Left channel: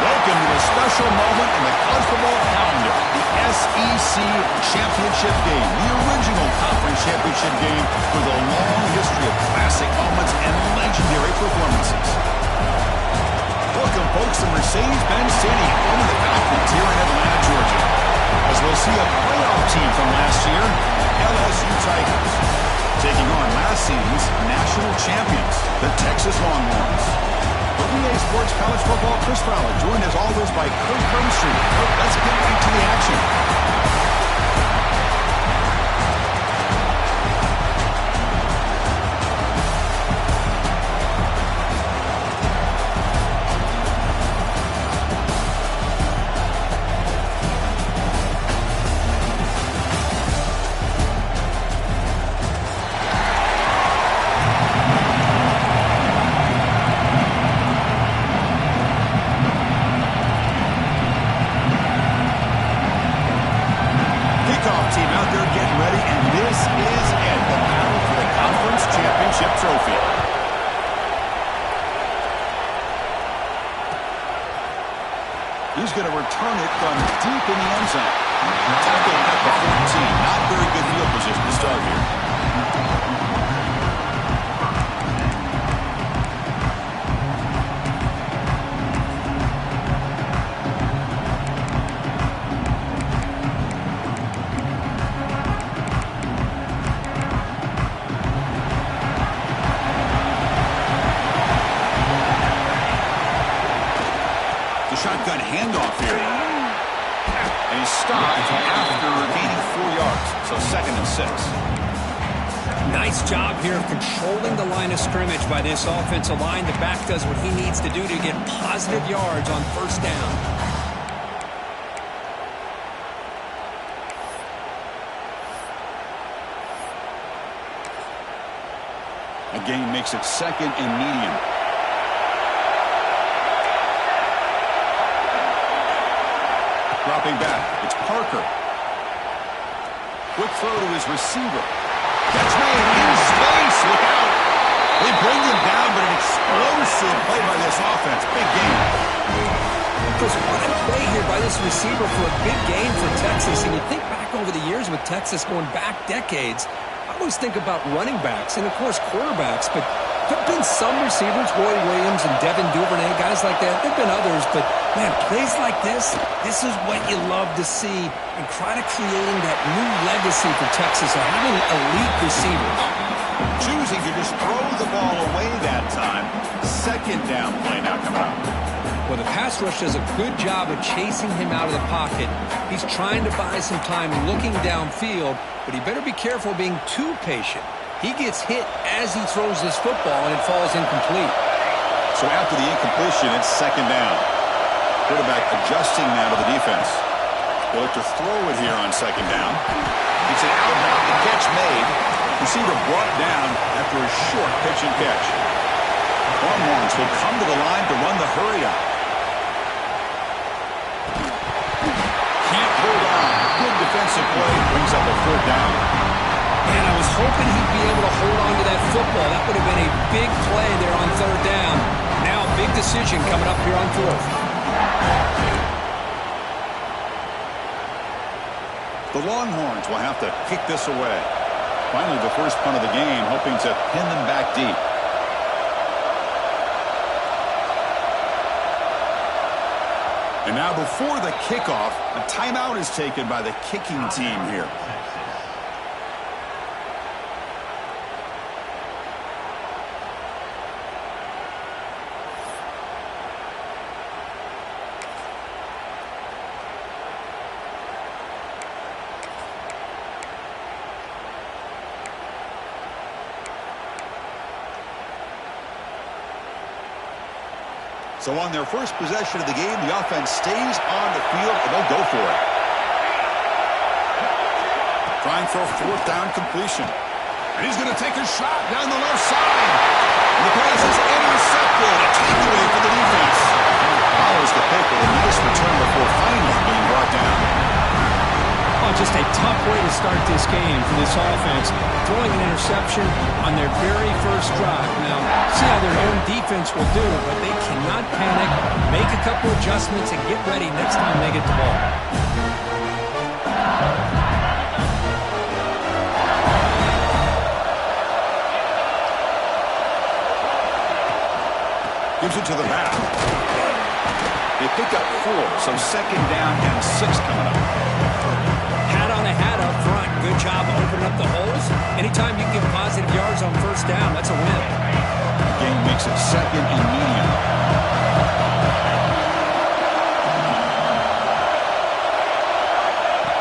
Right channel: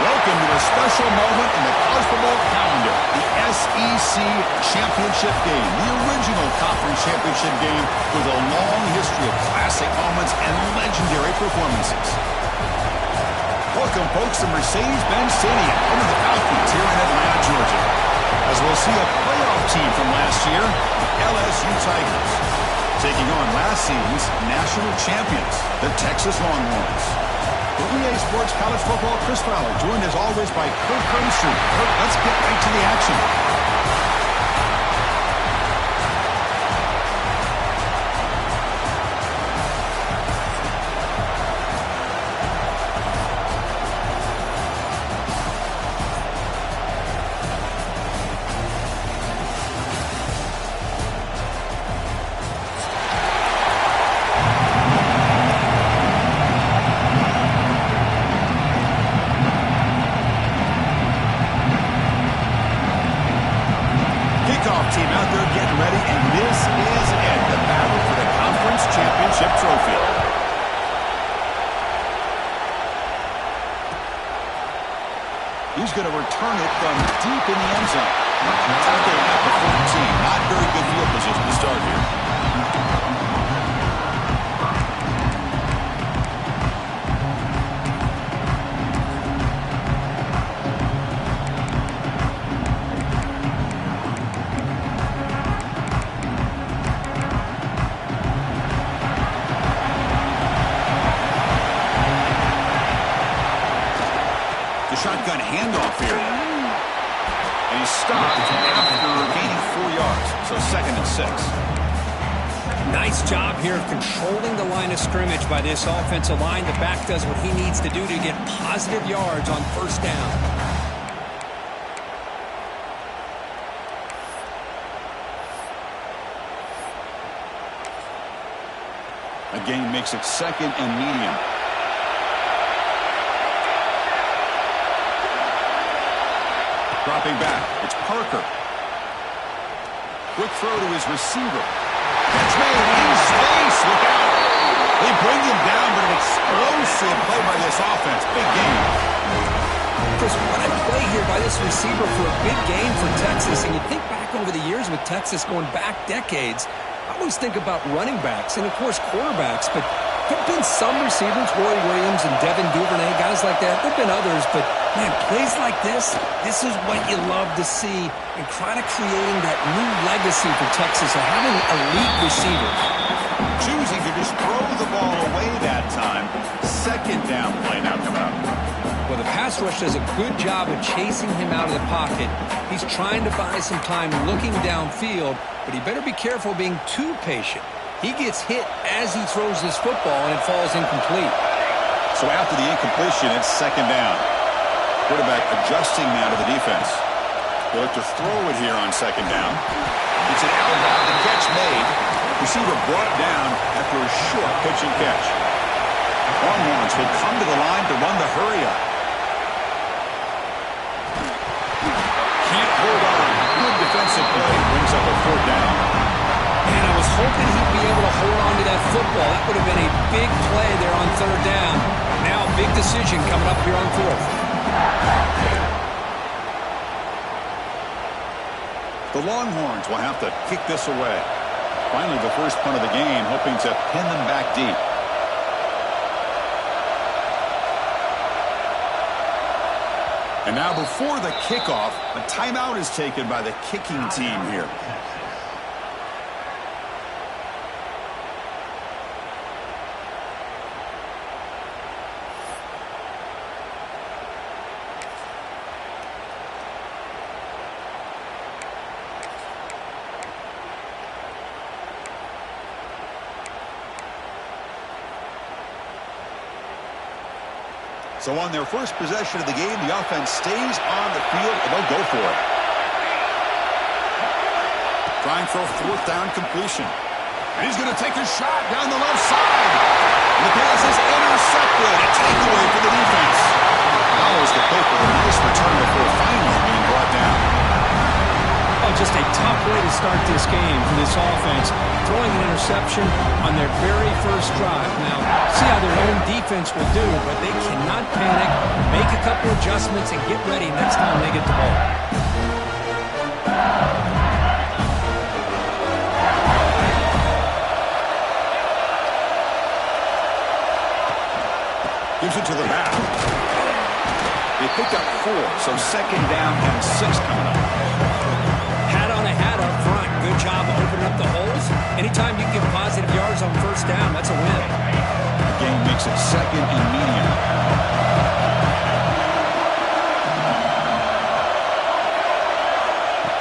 Welcome to a special moment in the college football calendar, the SEC Championship Game, the original conference championship game with a long history of classic moments and legendary performances. Welcome, folks, to Mercedes-Benz Stadium, home of the Falcons here in Atlanta, Georgia, as we'll see a playoff team from last year, LSU Tigers, taking on last season's national champions, the Texas Longhorns. For EA Sports College Football, Chris Fowler, joined as always by Kirk Hermstreet. Kirk, let's get right to the action. Team out there getting ready, and this is it, the battle for the conference championship trophy. He's going to return it from deep in the end zone. Tackle at the 14. Not very good field position to start here. Shotgun handoff here. And he's stopped after gaining 4 yards. So 2nd and 6. Nice job here of controlling the line of scrimmage by this offensive line. The back does what he needs to do to get positive yards on 1st down. A gain makes it 2nd and medium. Dropping back, it's Parker. Quick throw to his receiver. Catch made in space, look out. They bring him down, but an explosive play by this offense. Big game. Chris, what a play here by this receiver for a big game for Texas. And you think back over the years with Texas going back decades, I always think about running backs and, of course, quarterbacks, but there have been some receivers, Roy Williams and Devin Duvernay, guys like that. There have been others, but, man, plays like this is what you love to see, and kind of creating that new legacy for Texas of having elite receivers. Choosing to just throw the ball away that time. 2nd down play now coming up. Well, the pass rush does a good job of chasing him out of the pocket. He's trying to buy some time looking downfield, but he better be careful being too patient. He gets hit as he throws this football, and it falls incomplete. So after the incompletion, it's 2nd down. Quarterback adjusting now to the defense. They'll look to throw it here on 2nd down. It's an outbound, the catch made. Receiver brought down after a short pitch and catch. Longhorns will come to the line to run the hurry-up. Can't hold on. Good defensive play. Brings up a 4th down. And I was hoping he'd be able to hold on to that football. That would have been a big play there on 3rd down. Now, big decision coming up here on 4th. The Longhorns will have to kick this away. Finally, the first punt of the game, hoping to pin them back deep. And now, before the kickoff, a timeout is taken by the kicking team here. So on their first possession of the game, the offense stays on the field, and they'll go for it. Trying for a fourth down completion. And he's going to take a shot down the left side. And the pass is intercepted. A takeaway for the defense. Follows the pick with a nice return before finally being brought down. Oh, just a tough way to start this game for this offense. Throwing an interception on their very first drive. Now, see how their own defense will do, but they cannot panic, make a couple adjustments, and get ready next time they get the ball. Gives it to the back. They pick up 4, so second down and 6 coming up. Hat on a hat up front. Good job of opening up the holes. Anytime you can get positive yards on first down, that's a win. The game makes it second and medium.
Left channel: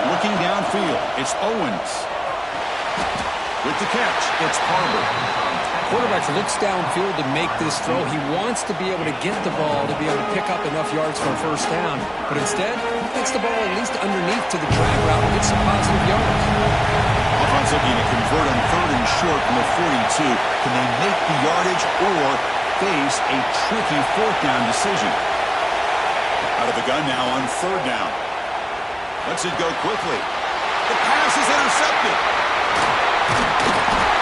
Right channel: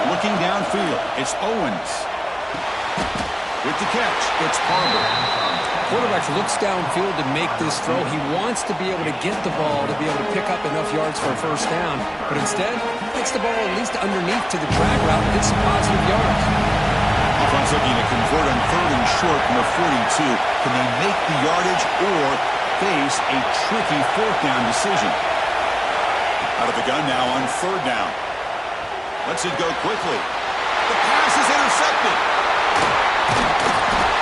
Looking downfield, it's Owens. With the catch, it's Harbor. Quarterback looks downfield to make this throw. He wants to be able to get the ball to be able to pick up enough yards for a first down. But instead, gets the ball at least underneath to the drag route and gets some positive yards. Offense looking to convert on third and short from the 42. Can they make the yardage or face a tricky fourth down decision? Out of the gun now on third down. Lets it go quickly. The pass is intercepted.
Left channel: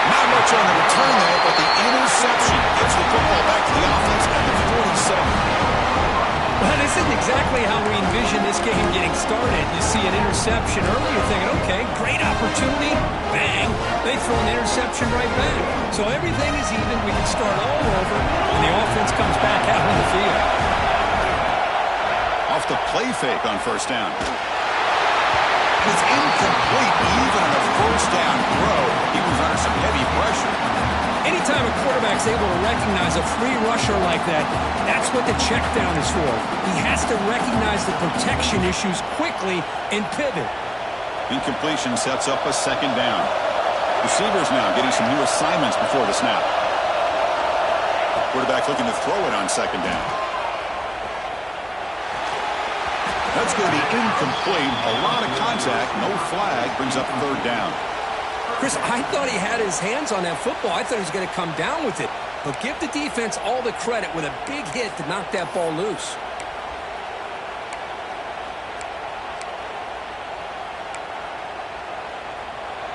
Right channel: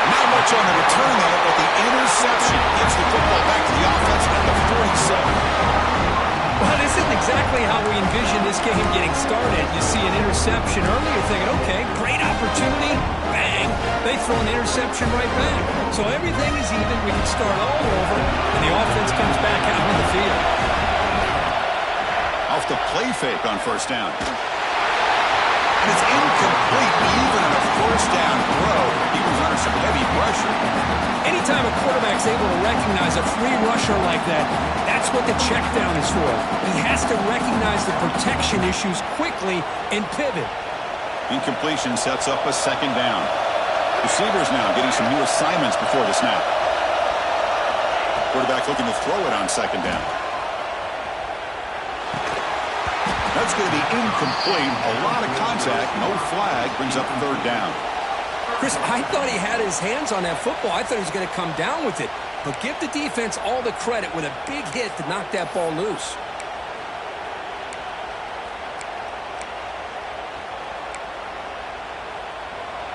Not much on the return there, but the interception gives the football back to the offense at the 47. Well, this isn't exactly how we envision this game getting started. You see an interception early, you're thinking, okay, great opportunity. Bang. They throw an interception right back. So everything is even. We can start all over, and the offense comes back out on the field. Off the play fake on first down. And it's incomplete, even on a first down throw. He was under some heavy pressure. Anytime a quarterback's able to recognize a free rusher like that, that's what the check down is for. He has to recognize the protection issues quickly and pivot. Incompletion sets up a second down. Receivers now getting some new assignments before the snap. Quarterback looking to throw it on second down. That's going to be incomplete. A lot of contact. No flag. Brings up third down. Chris, I thought he had his hands on that football. I thought he was going to come down with it. But give the defense all the credit with a big hit to knock that ball loose.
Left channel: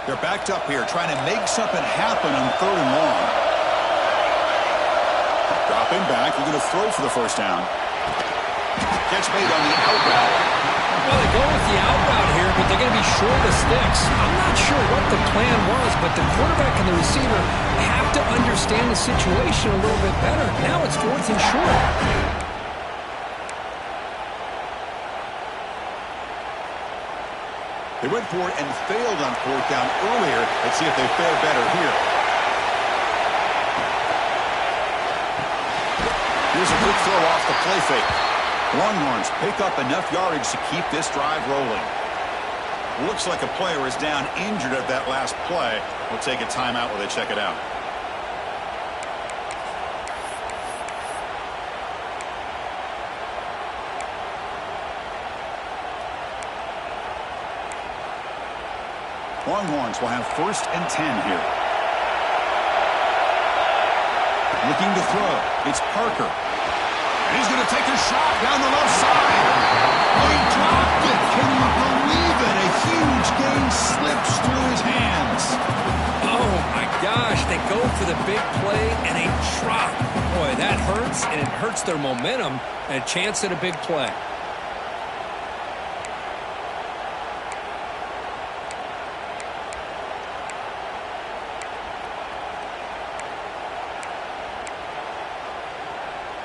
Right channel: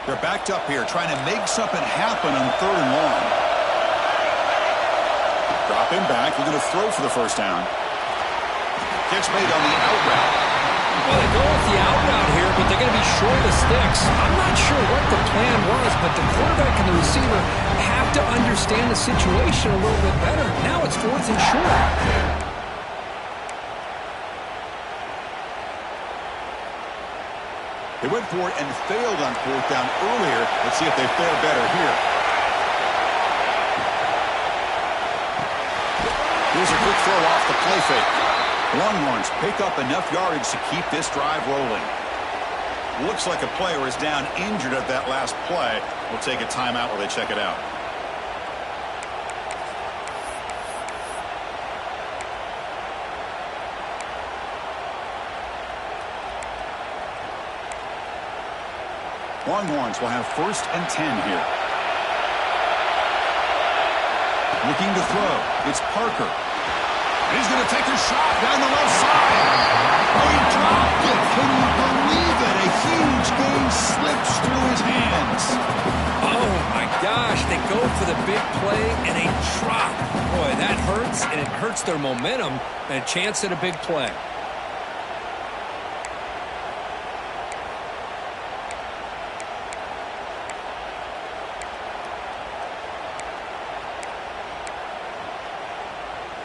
They're backed up here, trying to make something happen on third and long. Dropping back, looking to throw for the first down. Catch made on the out route. Well, they go with the out route here, but they're going to be short of sticks. I'm not sure what the plan was, but the quarterback and the receiver have to understand the situation a little bit better. Now it's fourth and short. They went for it and failed on fourth down earlier. Let's see if they fare better here. Here's a quick throw off the play fake. Longhorns pick up enough yardage to keep this drive rolling. Looks like a player is down injured at that last play. We'll take a timeout while they check it out. Longhorns will have 1st and 10 here. Looking to throw. It's Parker. And he's going to take a shot down the left side. Oh, he dropped it. Can you believe it? A huge gain slips through his hands. Oh, my gosh. They go for the big play and a drop. Boy, that hurts, and it hurts their momentum and a chance at a big play.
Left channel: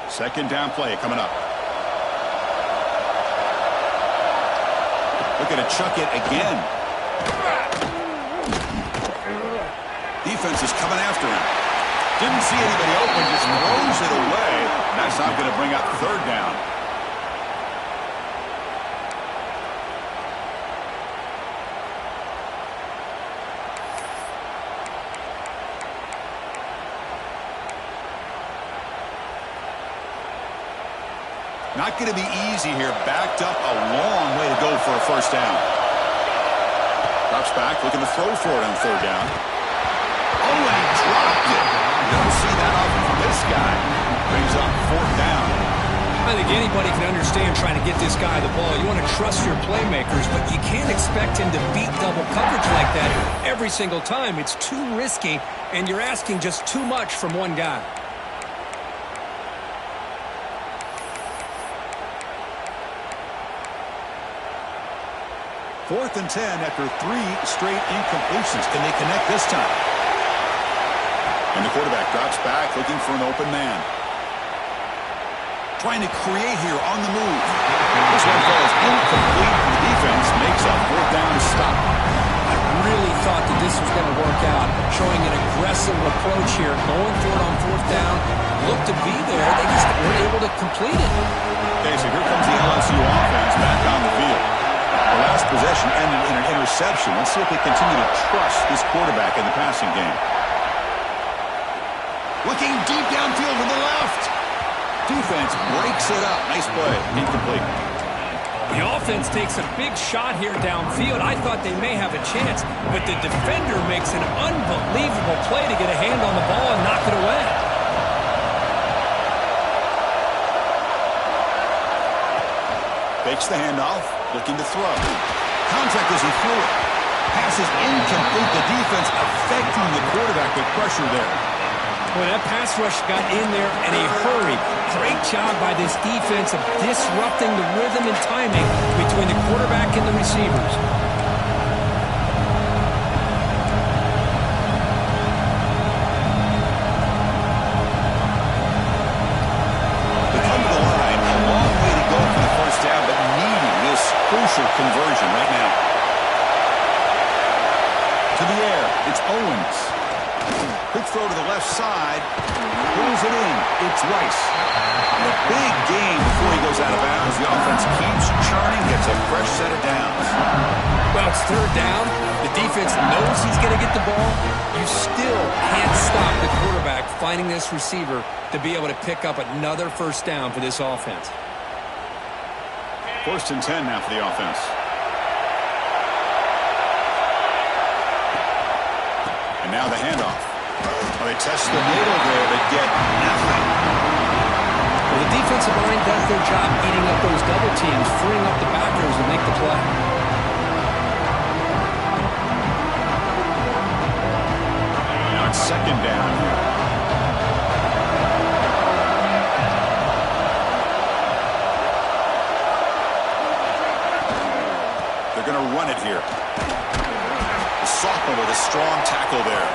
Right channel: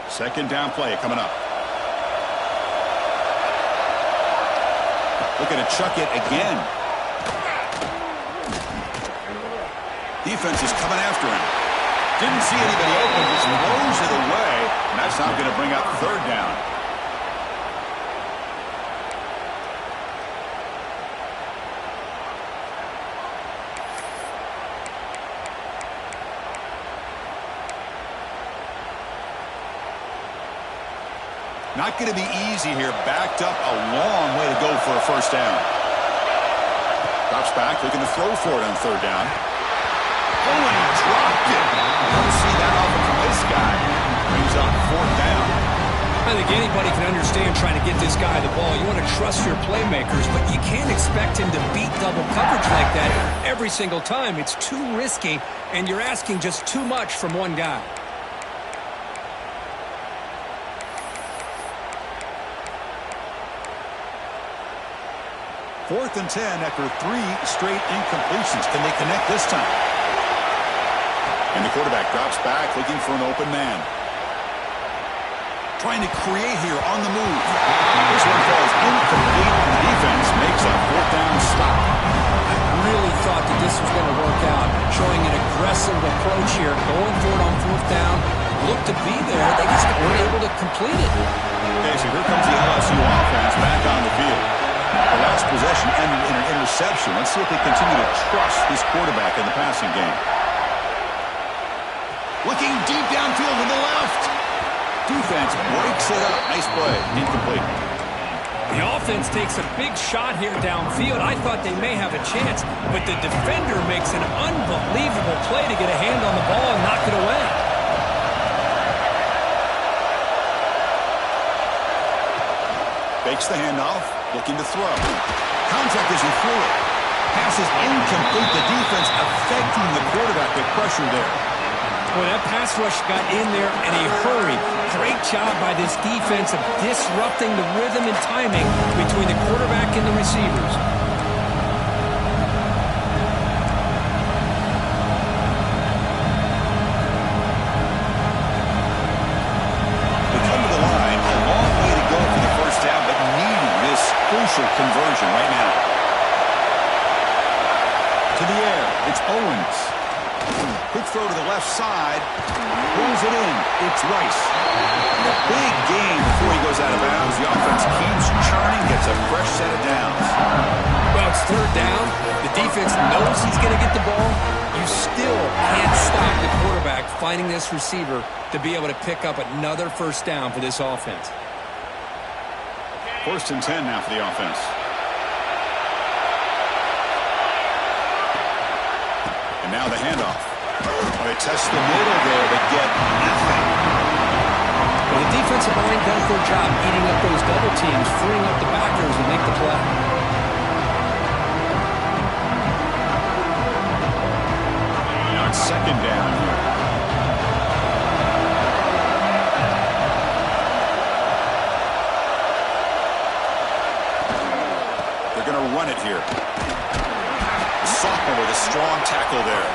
Second down play coming up. Looking to chuck it again. Defense is coming after him. Didn't see anybody open, just throws it away. And that's not going to bring up third down. Not going to be easy here. Backed up a long way to go for a first down. Drops back, looking to throw for it on third down. Oh, and he dropped it. You don't see that often from this guy. Brings up fourth down. I think anybody can understand trying to get this guy the ball. You want to trust your playmakers, but you can't expect him to beat double coverage like that every single time. It's too risky, and you're asking just too much from one guy. Fourth and 10 after 3 straight incompletions. Can they connect this time? And the quarterback drops back, looking for an open man. Trying to create here on the move. This one falls incomplete. The defense makes a fourth down stop. I really thought that this was going to work out, showing an aggressive approach here, going for it on fourth down. Looked to be there. They just weren't able to complete it. Okay, so here comes the LSU offense back on the field. The last possession ended in an interception. Let's see if they continue to trust this quarterback in the passing game. Looking deep downfield to the left. Defense breaks it up. Nice play. Incomplete. The offense takes a big shot here downfield. I thought they may have a chance, but the defender makes an unbelievable play to get a hand on the ball and knock it away. Fakes the handoff. Looking to throw. Contact as he threw it. Pass is incomplete. The defense affecting the quarterback with pressure there. Boy, that pass rush got in there in a hurry. Great job by this defense of disrupting the rhythm and timing between the quarterback and the receivers. They come to the line. A long way to go for the first down, but needing this crucial conversion right now. To the air. It's Owens. Quick throw to the left side. Pulls it in. It's Rice. And a big gain before he goes out of bounds. The offense keeps churning, gets a fresh set of downs. Well, it's third down. The defense knows he's going to get the ball. You still can't stop the quarterback finding this receiver to be able to pick up another first down for this offense. First and 10 now for the offense. And now the handoff. Well, they test the middle there, but get nothing. Well, the defensive line does their job eating up those double teams, freeing up the backers to make the play. Now it's second down here. They're going to run it here. The sophomore with a strong tackle there.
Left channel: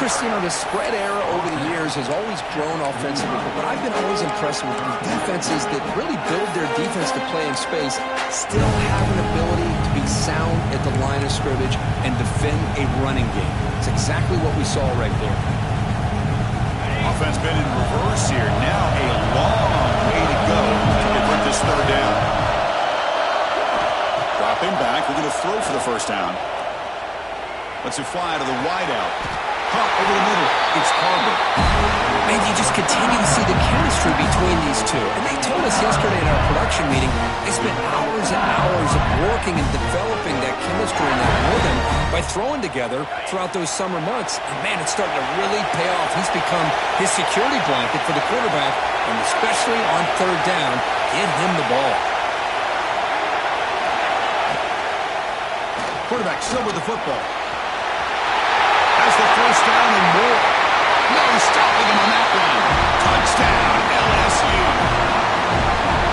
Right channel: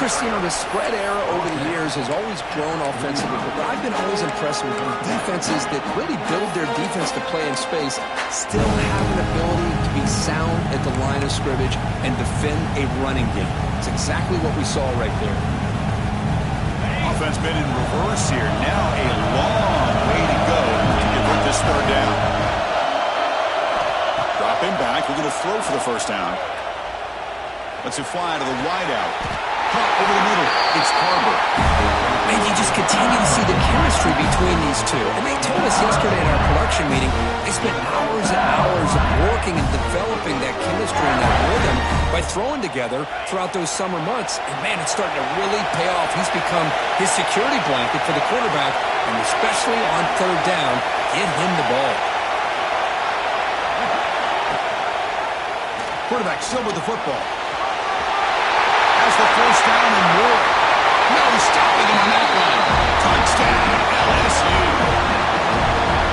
Chris, you know, the spread era over the years has always grown offensively, but I've been always impressed with defenses that really build their defense to play in space, still have an ability to be sound at the line of scrimmage and defend a running game. It's exactly what we saw right there. Offense been in reverse here. Now a long way to go to convert this third down. Dropping back. We're going to throw for the first down. Let's it fly to the wideout. Caught over the middle. It's Carver. Man, you just continue to see the chemistry between these two. And they told us yesterday in our production meeting, they spent hours and hours of working and developing that chemistry and that rhythm by throwing together throughout those summer months. And, man, it's starting to really pay off. He's become his security blanket for the quarterback, and especially on third down, get him the ball. Quarterback still with the football. Has the first down and more. No stopping him on that one. Touchdown, LSU.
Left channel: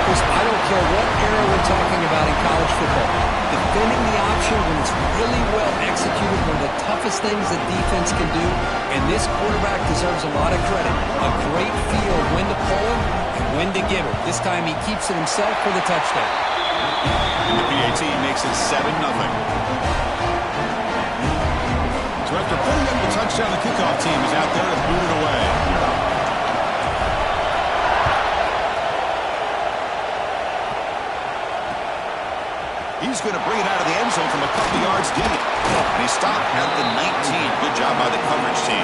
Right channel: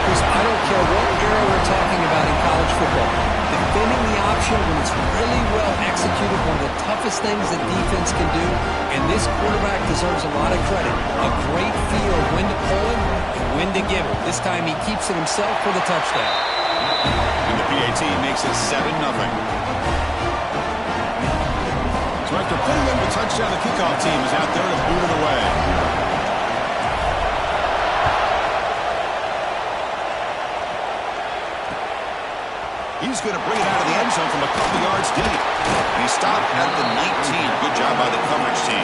Chris, I don't care what era we're talking about in college football. Defending the option when it's really well executed, one of the toughest things that defense can do, and this quarterback deserves a lot of credit. A great feel of when to pull him and when to give it. This time he keeps it himself for the touchdown. And the PAT makes it 7-0. So after putting up the touchdown, the kickoff team is out there to boot it away. He's going to bring it out of the end zone from a couple yards deep. And he stopped at the 19. Good job by the coverage team.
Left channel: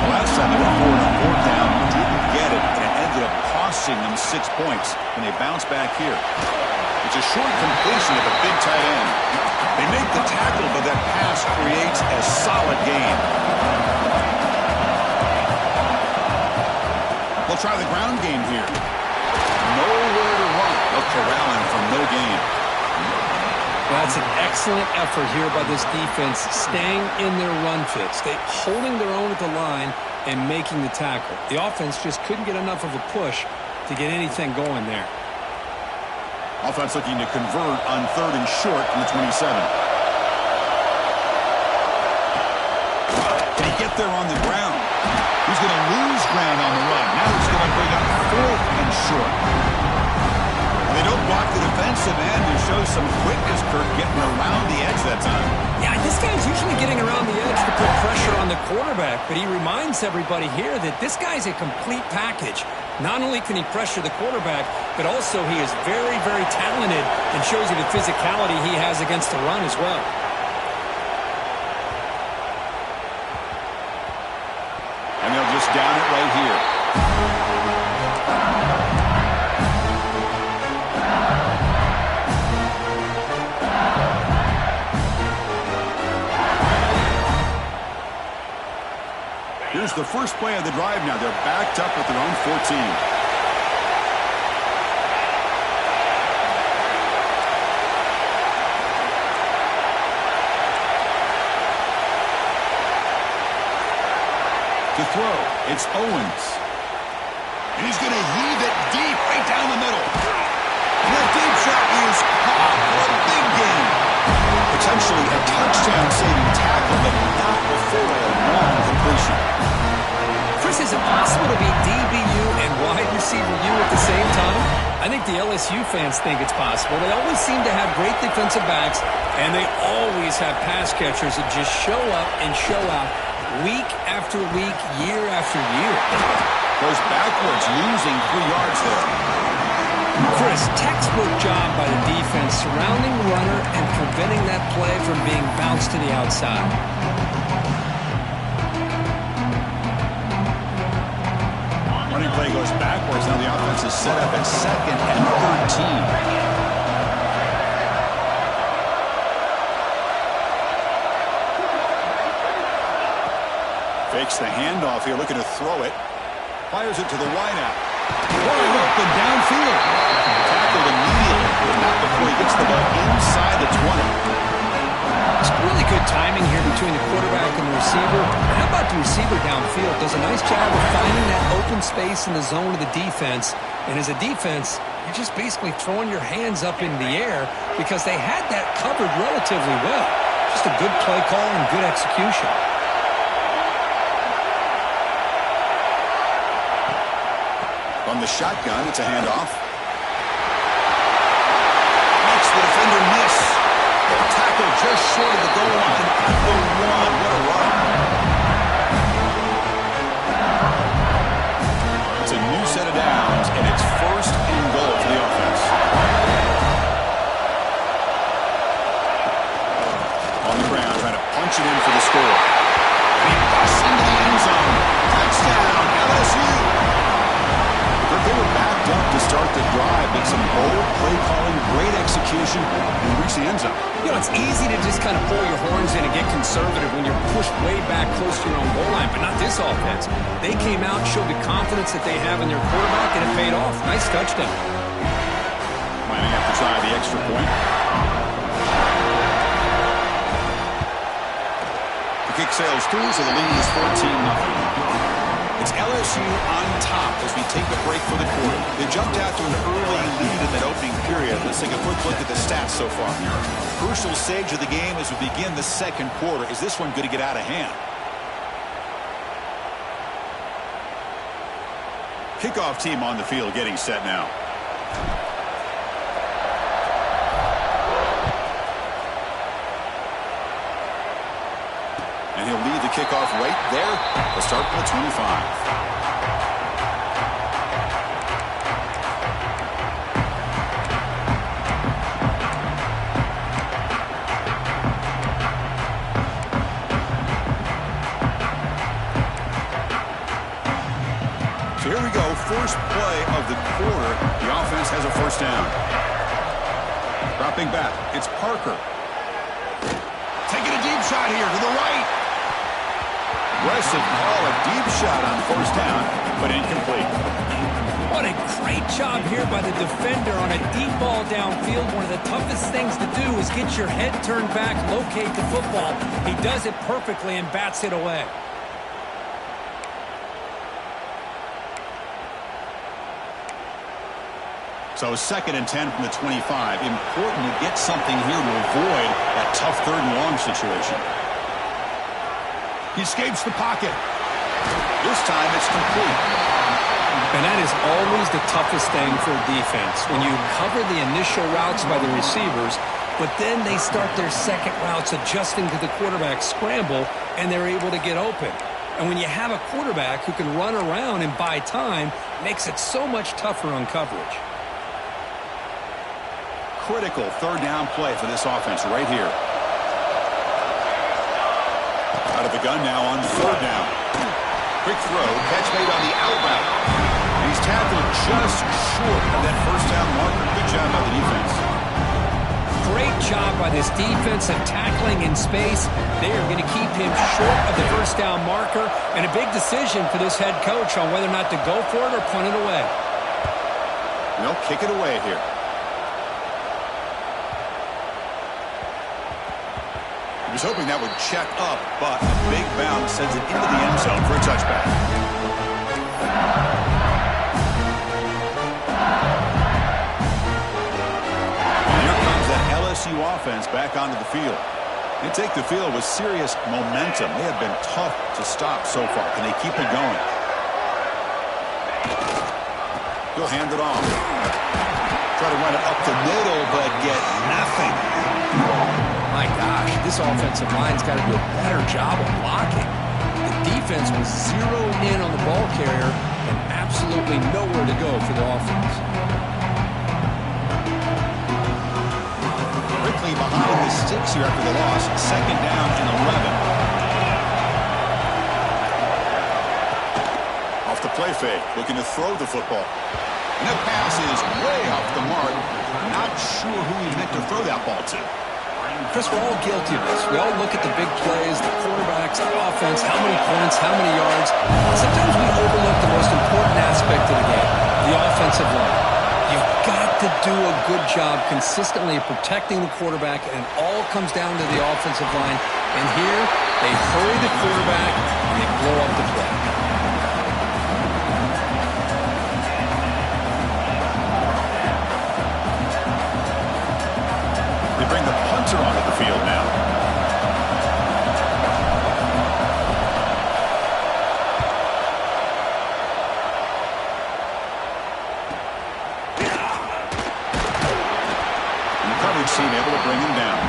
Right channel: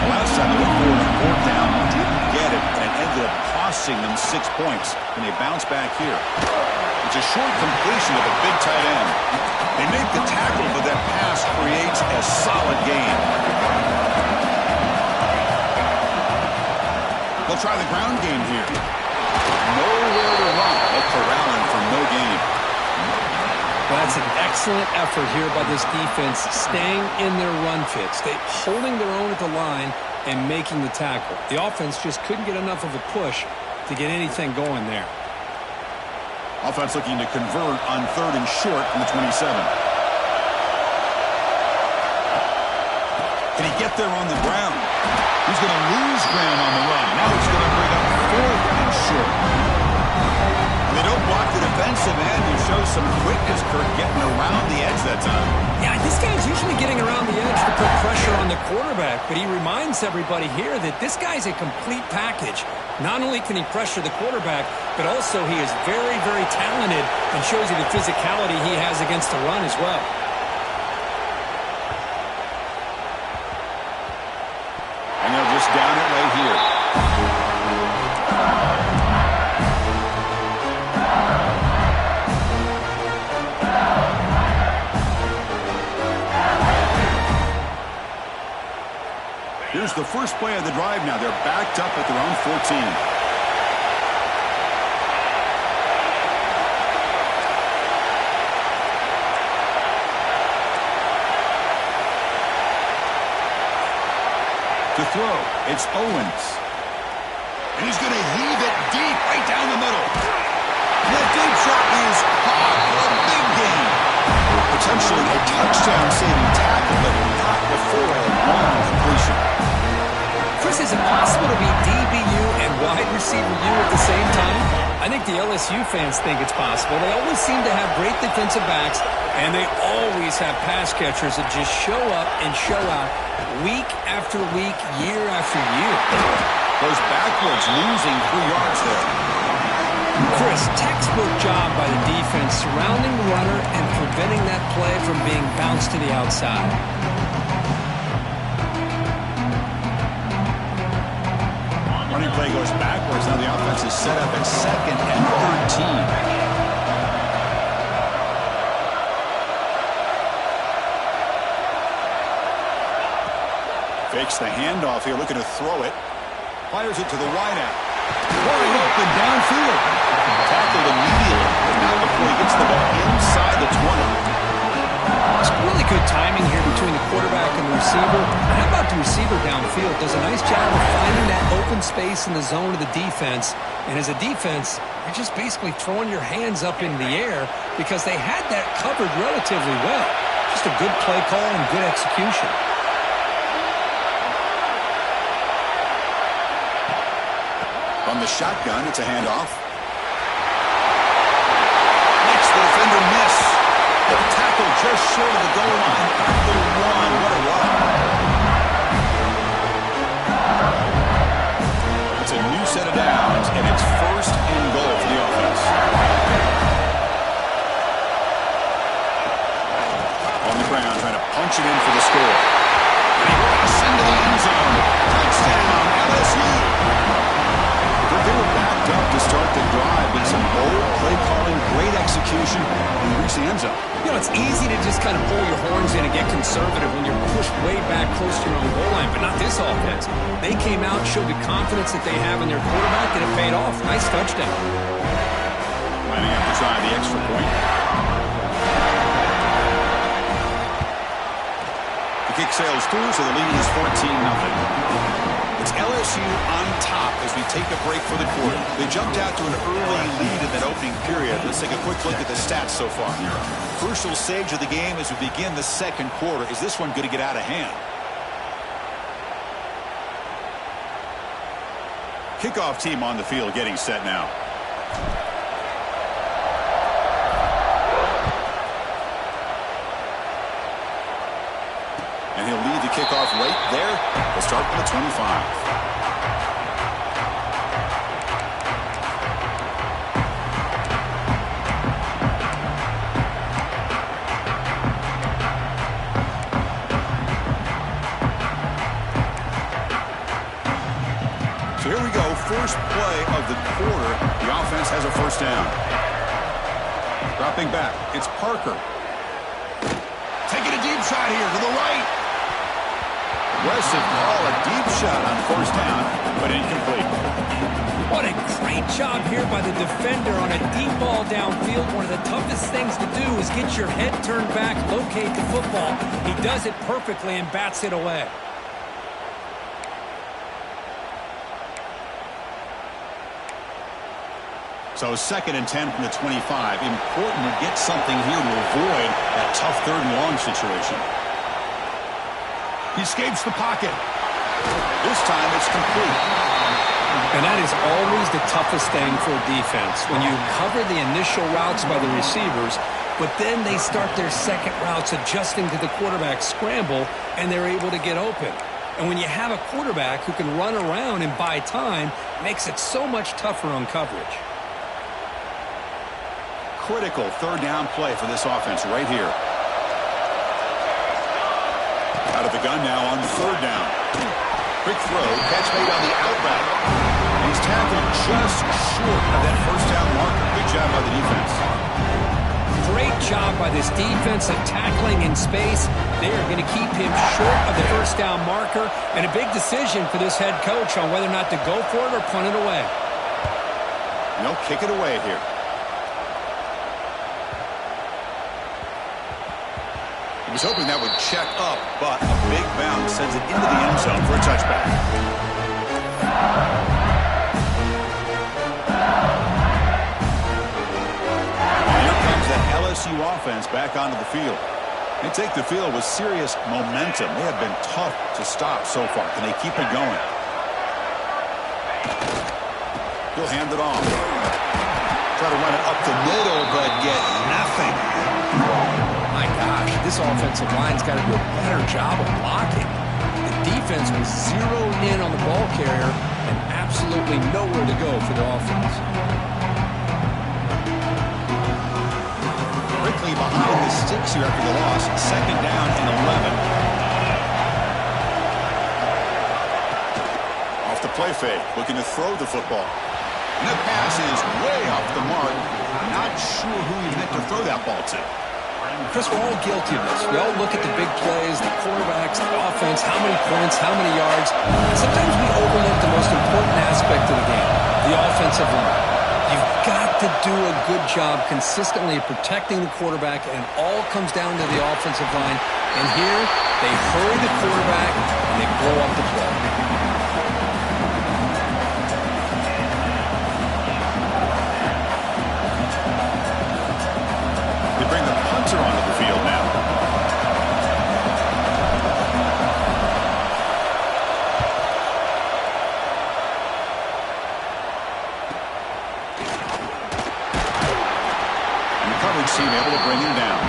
The last time they went forward on fourth down, didn't get it, and it ended up costing them 6 points. And they bounce back here. It's a short completion to the big tight end. They make the tackle, but that pass creates a solid gain. They'll try the ground game here. Nowhere to run. They'll corral him for no gain. Well, that's an excellent effort here by this defense, staying in their run fit, holding their own at the line and making the tackle. The offense just couldn't get enough of a push to get anything going there. Offense looking to convert on 3rd and short from the 27. Can he get there on the ground? He's going to lose ground on the run. Now he's going to bring up 4th and short. And they don't block the defensive end. It shows some quickness, Kirk, getting around the edge that time. Yeah, this guy's usually getting around the edge to put pressure on the quarterback, but he reminds everybody here that this guy's a complete package. Not only can he pressure the quarterback, but also he is very, very talented and shows you the physicality he has against the run as well. And they'll just down it right here. Here's the first play of the drive now. They're backed up at their own 14. To throw, it's Owens. And he's going to heave it deep right down the middle. And that deep shot is caught for a big gain. Potentially a touchdown-saving tackle, but not before a long completion. Chris, is it possible to be DBU and wide receiver U at the same time? I think the LSU fans think it's possible. They always seem to have great defensive backs, and they always have pass catchers that just show up and show out week after week, year after year. Goes backwards, losing 3 yards there. Chris, textbook job by the defense surrounding the runner and preventing that play from being bounced to the outside. Running play goes backwards. Now the offense is set up at 2nd and 13. Fakes the handoff here, looking to throw it. Fires it to the wideout. Pouring open downfield. Tackled immediately, but not before he gets the ball inside the 20. It's really good timing here between the quarterback and the receiver. And how about the receiver downfield? Does a nice job of finding that open space in the zone of the defense. And as a defense, you're just basically throwing your hands up in the air because they had that covered relatively well. Just a good play call and good execution. From the shotgun, it's a handoff. Makes the defender miss. The tackle just short of the goal line at the 1. What a run. It's a new set of downs, and it's 1st and goal for the offense. On the ground, trying to punch it in for the score. And he busts into the end zone. Touchdown, LSU. But they were backed up to start the drive, but some bold play calling, great execution, and reach the end zone. You know, it's easy to just kind of pull your horns in and get conservative when you're pushed way back close to your own goal line, but not this offense. They came out, showed the confidence that they have in their quarterback, and it paid off. Nice touchdown. Lining up to try the extra point. The kick sails through, so the lead is 14-0. It's LSU on top as we take a break for the quarter. They jumped out to an early lead in that opening period. Let's take a quick look at the stats so far. Crucial stage of the game as we begin the 2nd quarter. Is this one going to get out of hand? Kickoff team on the field getting set now. And he'll lead the kickoff right there. They'll start from the 25. first play of the quarter, the offense has a first down. Dropping back, it's Parker. Taking a deep shot here to the right. Aggressive call, a deep shot on first down, but incomplete. What a great job here by the defender on a deep ball downfield. One of the toughest things to do is get your head turned back, locate the football. He does it perfectly and bats it away. So 2nd and 10 from the 25. Important to get something here to avoid that tough 3rd and long situation. He escapes the pocket. This time it's complete. And that is always the toughest thing for a defense. When you cover the initial routes by the receivers, but then they start their second routes adjusting to the quarterback scramble, and they're able to get open. And when you have a quarterback who can run around and buy time, it makes it so much tougher on coverage. Critical 3rd down play for this offense right here. Out of the gun now on 3rd down. Quick throw, catch made on the out route. And he's tackled just short of that first down marker. Good job by the defense. Great job by this defensive tackling in space. They are going to keep him short of the first down marker. And a big decision for this head coach on whether or not to go for it or punt it away. No, kick it away here. He was hoping that would check up, but a big bounce sends it into the end zone for a touchback. And here comes that LSU offense back onto the field. They take the field with serious momentum. They have been tough to stop so far. Can they keep it going? He'll hand it off. Try to run it up the middle, but get nothing. My gosh, this offensive line's got to do a better job of blocking. The defense was zeroed in on the ball carrier and absolutely nowhere to go for the offense. Quickly behind the sticks here after the loss. 2nd down and 11. Off the play fake, looking to throw the football. And the pass is way off the mark. Not sure who he meant to throw that ball to. Chris, we're all guilty of this. We all look at the big plays, the quarterbacks, the offense, how many points, how many yards. Sometimes we overlook the most important aspect of the game, the offensive line. You've got to do a good job consistently protecting the quarterback, and it all comes down to the offensive line. And here, they hurry the quarterback, and they blow up the play. Bring the punter onto the field now. And the coverage team able to bring him down.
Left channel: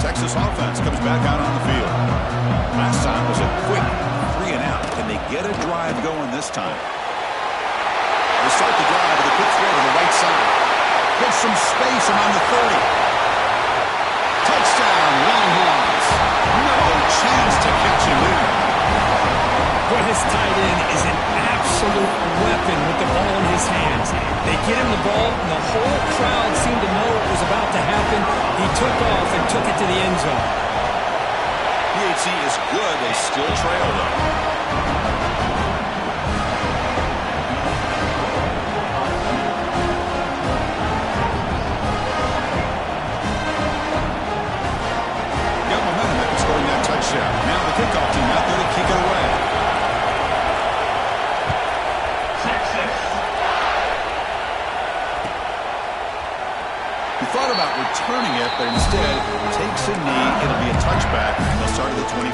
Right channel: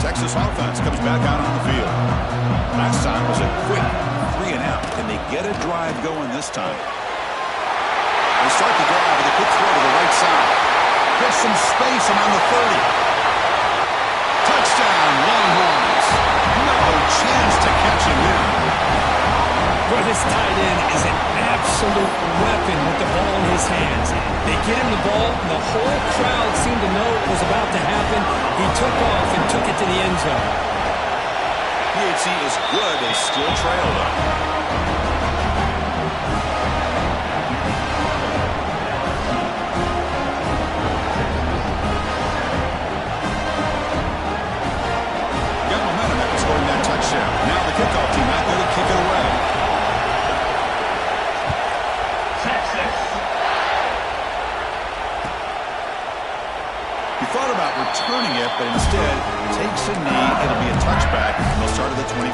Texas offense comes back out on the field. Last time was a quick 3 and out. Can they get a drive going this time? They start the drive with a quick throw to the right side. Gets some space around the 30. Touchdown, Longhorns. No chance to catch him there. Boy, this tight end is an absolute weapon with the ball in his hands. They get him the ball, and the whole crowd seemed to know what was about to happen. He took off and took it to the end zone. PHC is good. They still trail, though. Got momentum after scoring that touchdown. Now the kickoff team out there to kick it away. He thought about returning it, but instead takes a knee. It'll be a touchback, and they'll start at the 25.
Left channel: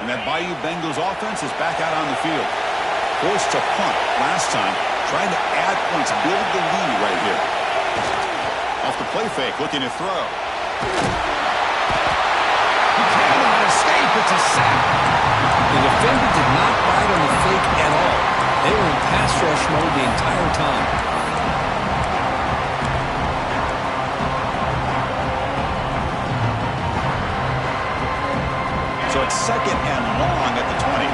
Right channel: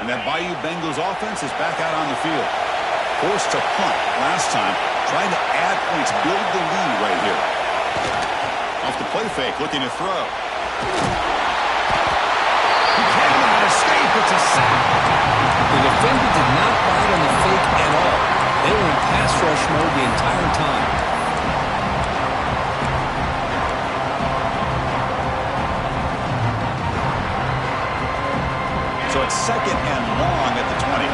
And that Bayou Bengals offense is back out on the field. Forced to punt last time. Trying to add points, build the lead right here. Off the play fake, looking to throw. He cannot escape. It's a sack. The defender did not bite on the fake at all. They were in pass rush mode the entire time. So it's 2nd and long at the 20.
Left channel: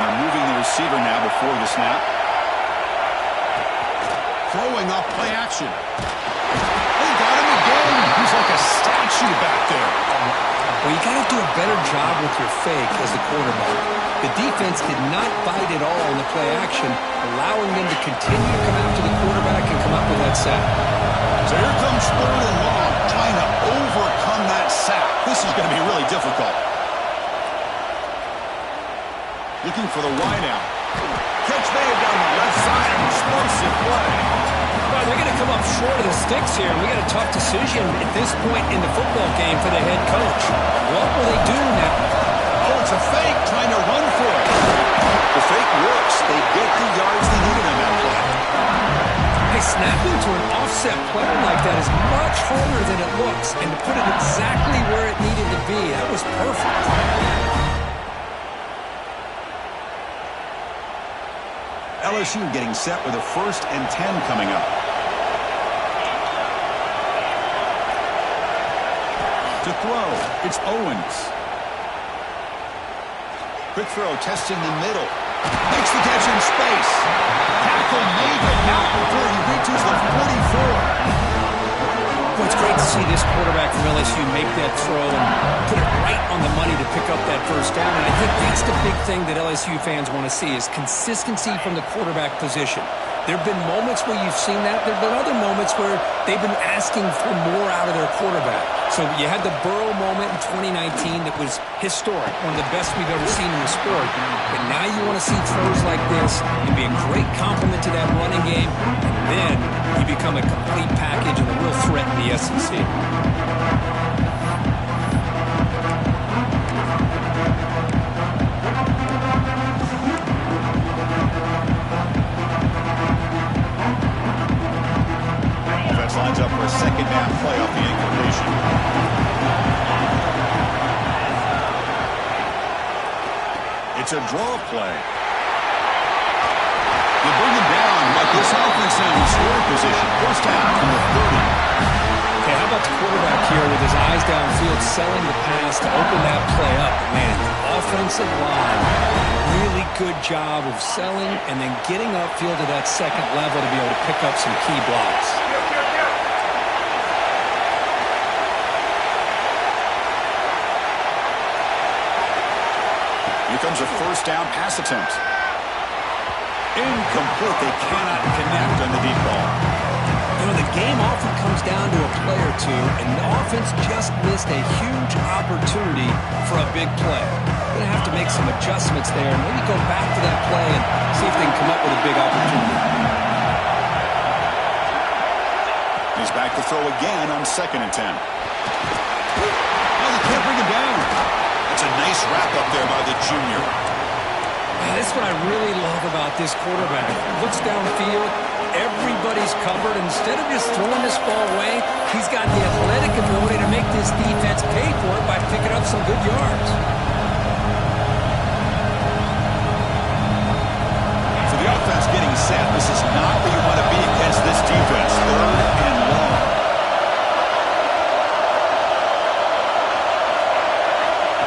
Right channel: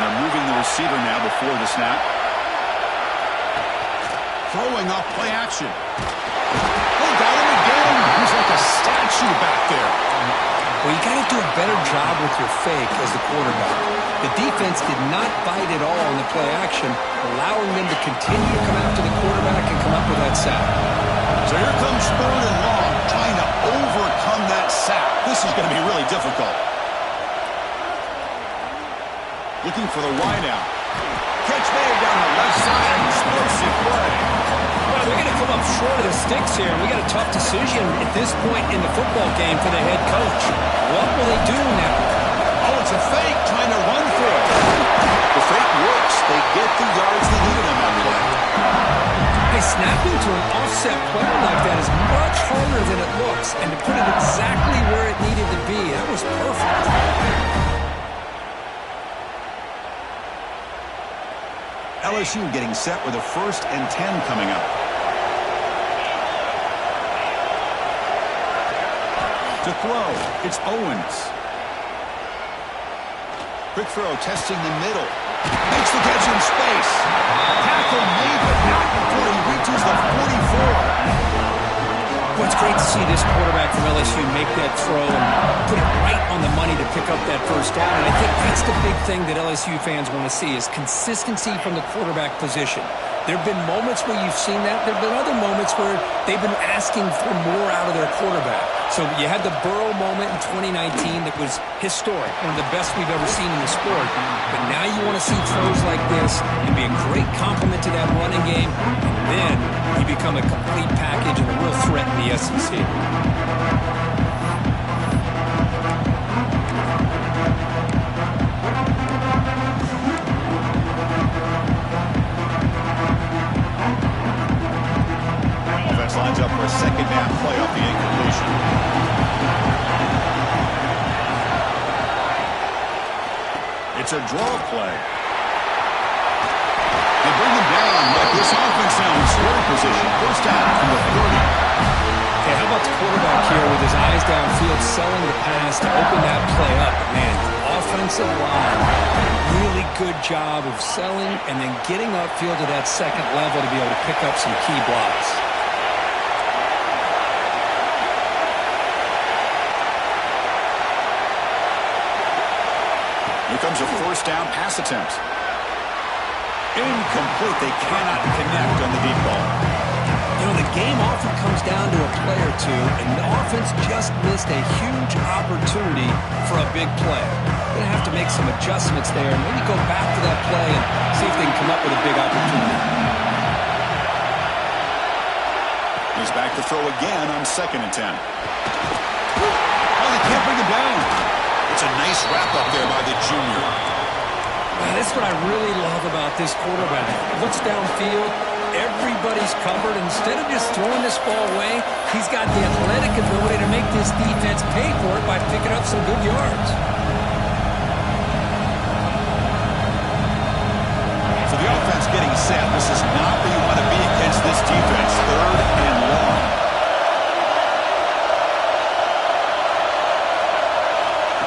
And they're moving the receiver now before the snap. Throwing off play action. They got him again. He's like a statue back there. Well, you got to do a better job with your fake as the quarterback. The defense did not bite at all in the play action, allowing them to continue to come after the quarterback and come up with that sack. So here comes 3rd and long, trying to overcome that sack. This is going to be really difficult. Looking for the wideout. Catch made down the left side, an explosive play. Well, they're going to come up short of the sticks here, and we got a tough decision at this point in the football game for the head coach. What will they do now? Oh, it's a fake, trying to run for it. The fake works. They get the yards they needed on that play. Hey, snapping to an offset player like that is much harder than it looks, and to put it exactly where it needed to be, that was perfect. LSU getting set with a 1st and 10 coming up. To throw, it's Owens. Quick throw, testing the middle. Makes the catch in space. Tackle made, but not before he reaches the 44. Well, it's great to see this quarterback from LSU make that throw and put it right on the money to pick up that 1st down. And I think that's the big thing that LSU fans want to see is consistency from the quarterback position. There have been moments where you've seen that. There have been other moments where they've been asking for more out of their quarterback. So you had the Burrow moment in 2019 that was historic, one of the best we've ever seen in the sport. But now you want to see throws like this and be a great complement to that running game. And then you become a complete package and a real threat in the SEC. Lines up for a 2nd down play off the incompletion. It's a draw play. They bring him down, but this offense now in scoring position. 1st down from the 30. Okay, how about the quarterback here with his eyes downfield, selling the pass to open that play up? Man, offensive line, really good job of selling and then getting upfield to that 2nd level to be able to pick up some key blocks. Here comes a 1st down pass attempt. Incomplete. They cannot connect on the deep ball. You know, the game often comes down to a play or two, and the offense just missed a huge opportunity for a big play. Going to have to make some adjustments there and maybe go back to that play and see if they can come up with a big opportunity. He's back to throw again on 2nd and 10. Oh, they can't bring him down. It's a nice wrap-up there by the junior. Wow, that's what I really love about this quarterback. Looks downfield, everybody's covered. Instead of just throwing this ball away, he's got the athletic ability to make this defense pay for it by picking up some good yards. So the offense getting set. This is not where you want to be against this defense. 3rd and long.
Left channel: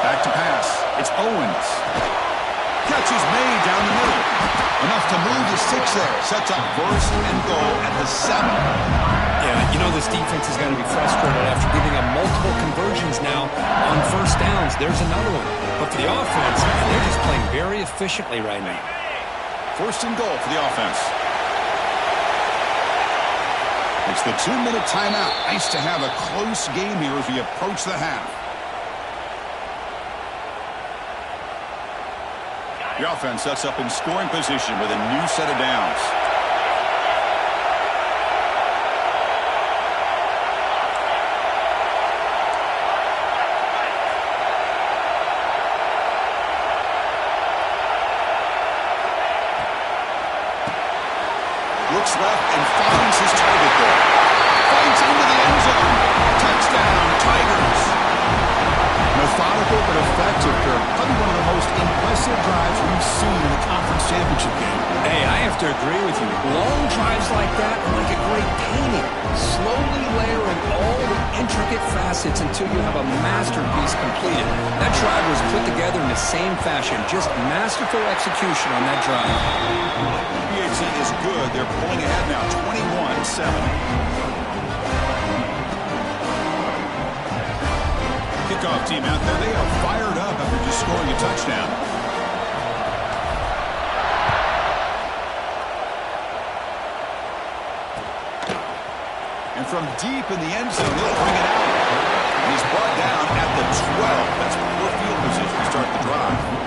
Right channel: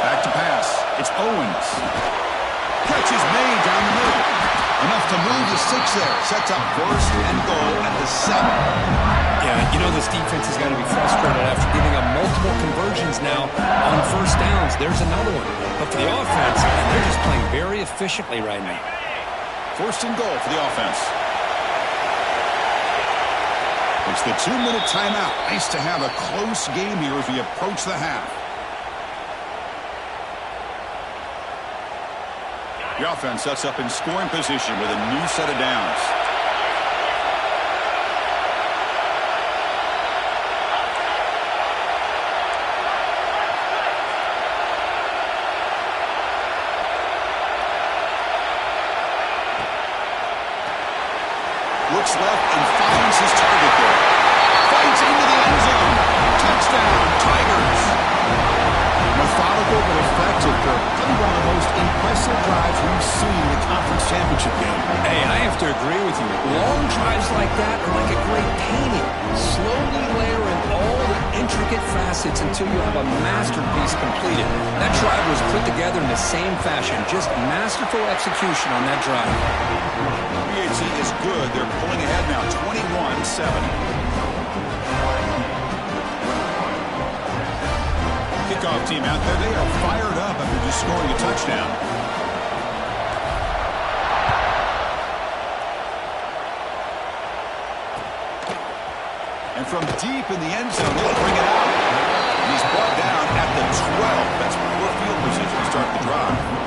Back to pass. It's Owens. Catch is made down the middle. Enough to move the 6 there. Sets up 1st and goal at the 7. Yeah, you know this defense is going to be frustrated after giving up multiple conversions now on 1st downs. There's another one. But for the offense, and they're just playing very efficiently right now. 1st and goal for the offense. It's the 2-minute timeout. Nice to have a close game here as we approach the half. The offense sets up in scoring position with a new set of downs. looks left and finds his target there. Fights into the end zone. Touchdown, Tigers. Methodical but effective, Kirk. Probably one of the most impressive drives we've seen in the conference championship game. Hey, I have to agree with you. Long drives like that are like a great painting. Slowly layering all the intricate facets until you have a masterpiece completed. That drive was put together in the same fashion. Just masterful execution on that drive. BHC is good. They're pulling ahead now, 21-7. Kickoff team out there. They are fired up after just scoring a touchdown. And from deep in the end zone, he'll bring it out. And he's brought down at the 12. That's poor field position to start the drive.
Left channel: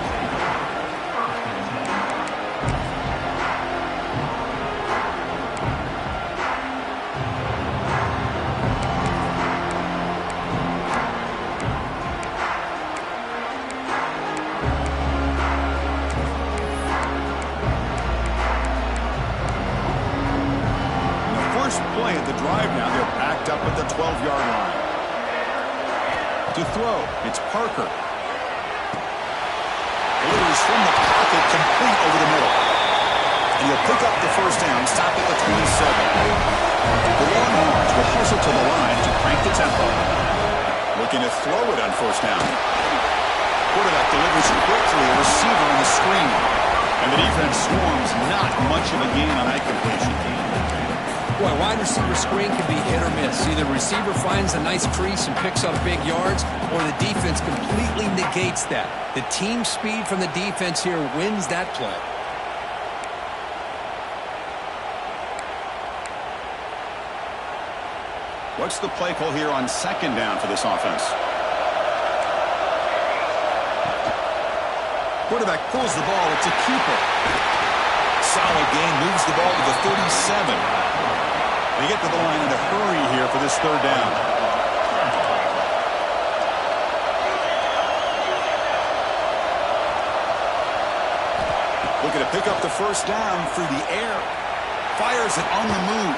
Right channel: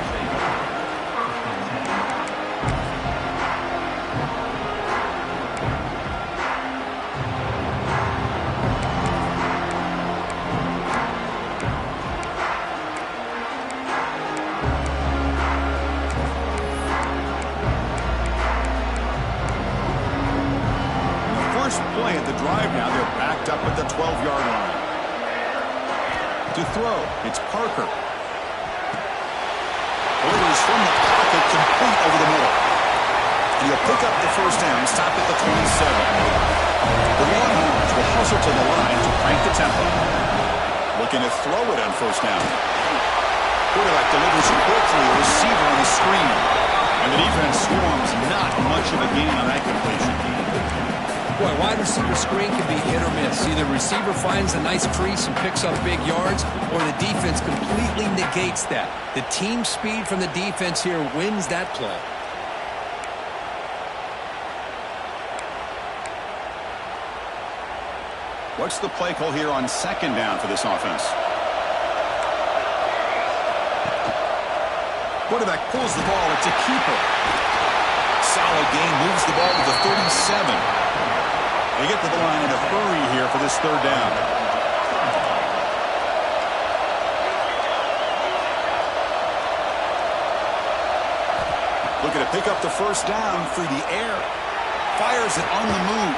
Play at the drive now. They're backed up at the 12-yard line. To throw, it's Parker. Delivers from the pocket, complete over the middle. And he'll pick up the first down, stop at the 27. The Longhorns will hustle to the line to crank the tempo. Looking to throw it on first down. Quarterback delivers quickly, a receiver on the screen. And the defense swarms, not much of a gain on that completion. Boy, wide receiver screen can be hit or miss. Either receiver finds a nice crease and picks up big yards, or the defense completely negates that. The team speed from the defense here wins that play. What's the play call here on second down for this offense? Quarterback pulls the ball. It's a keeper. Solid gain, moves the ball to the 37. They get to the line in a hurry here for this third down. Looking to pick up the first down through the air. Fires it on the move.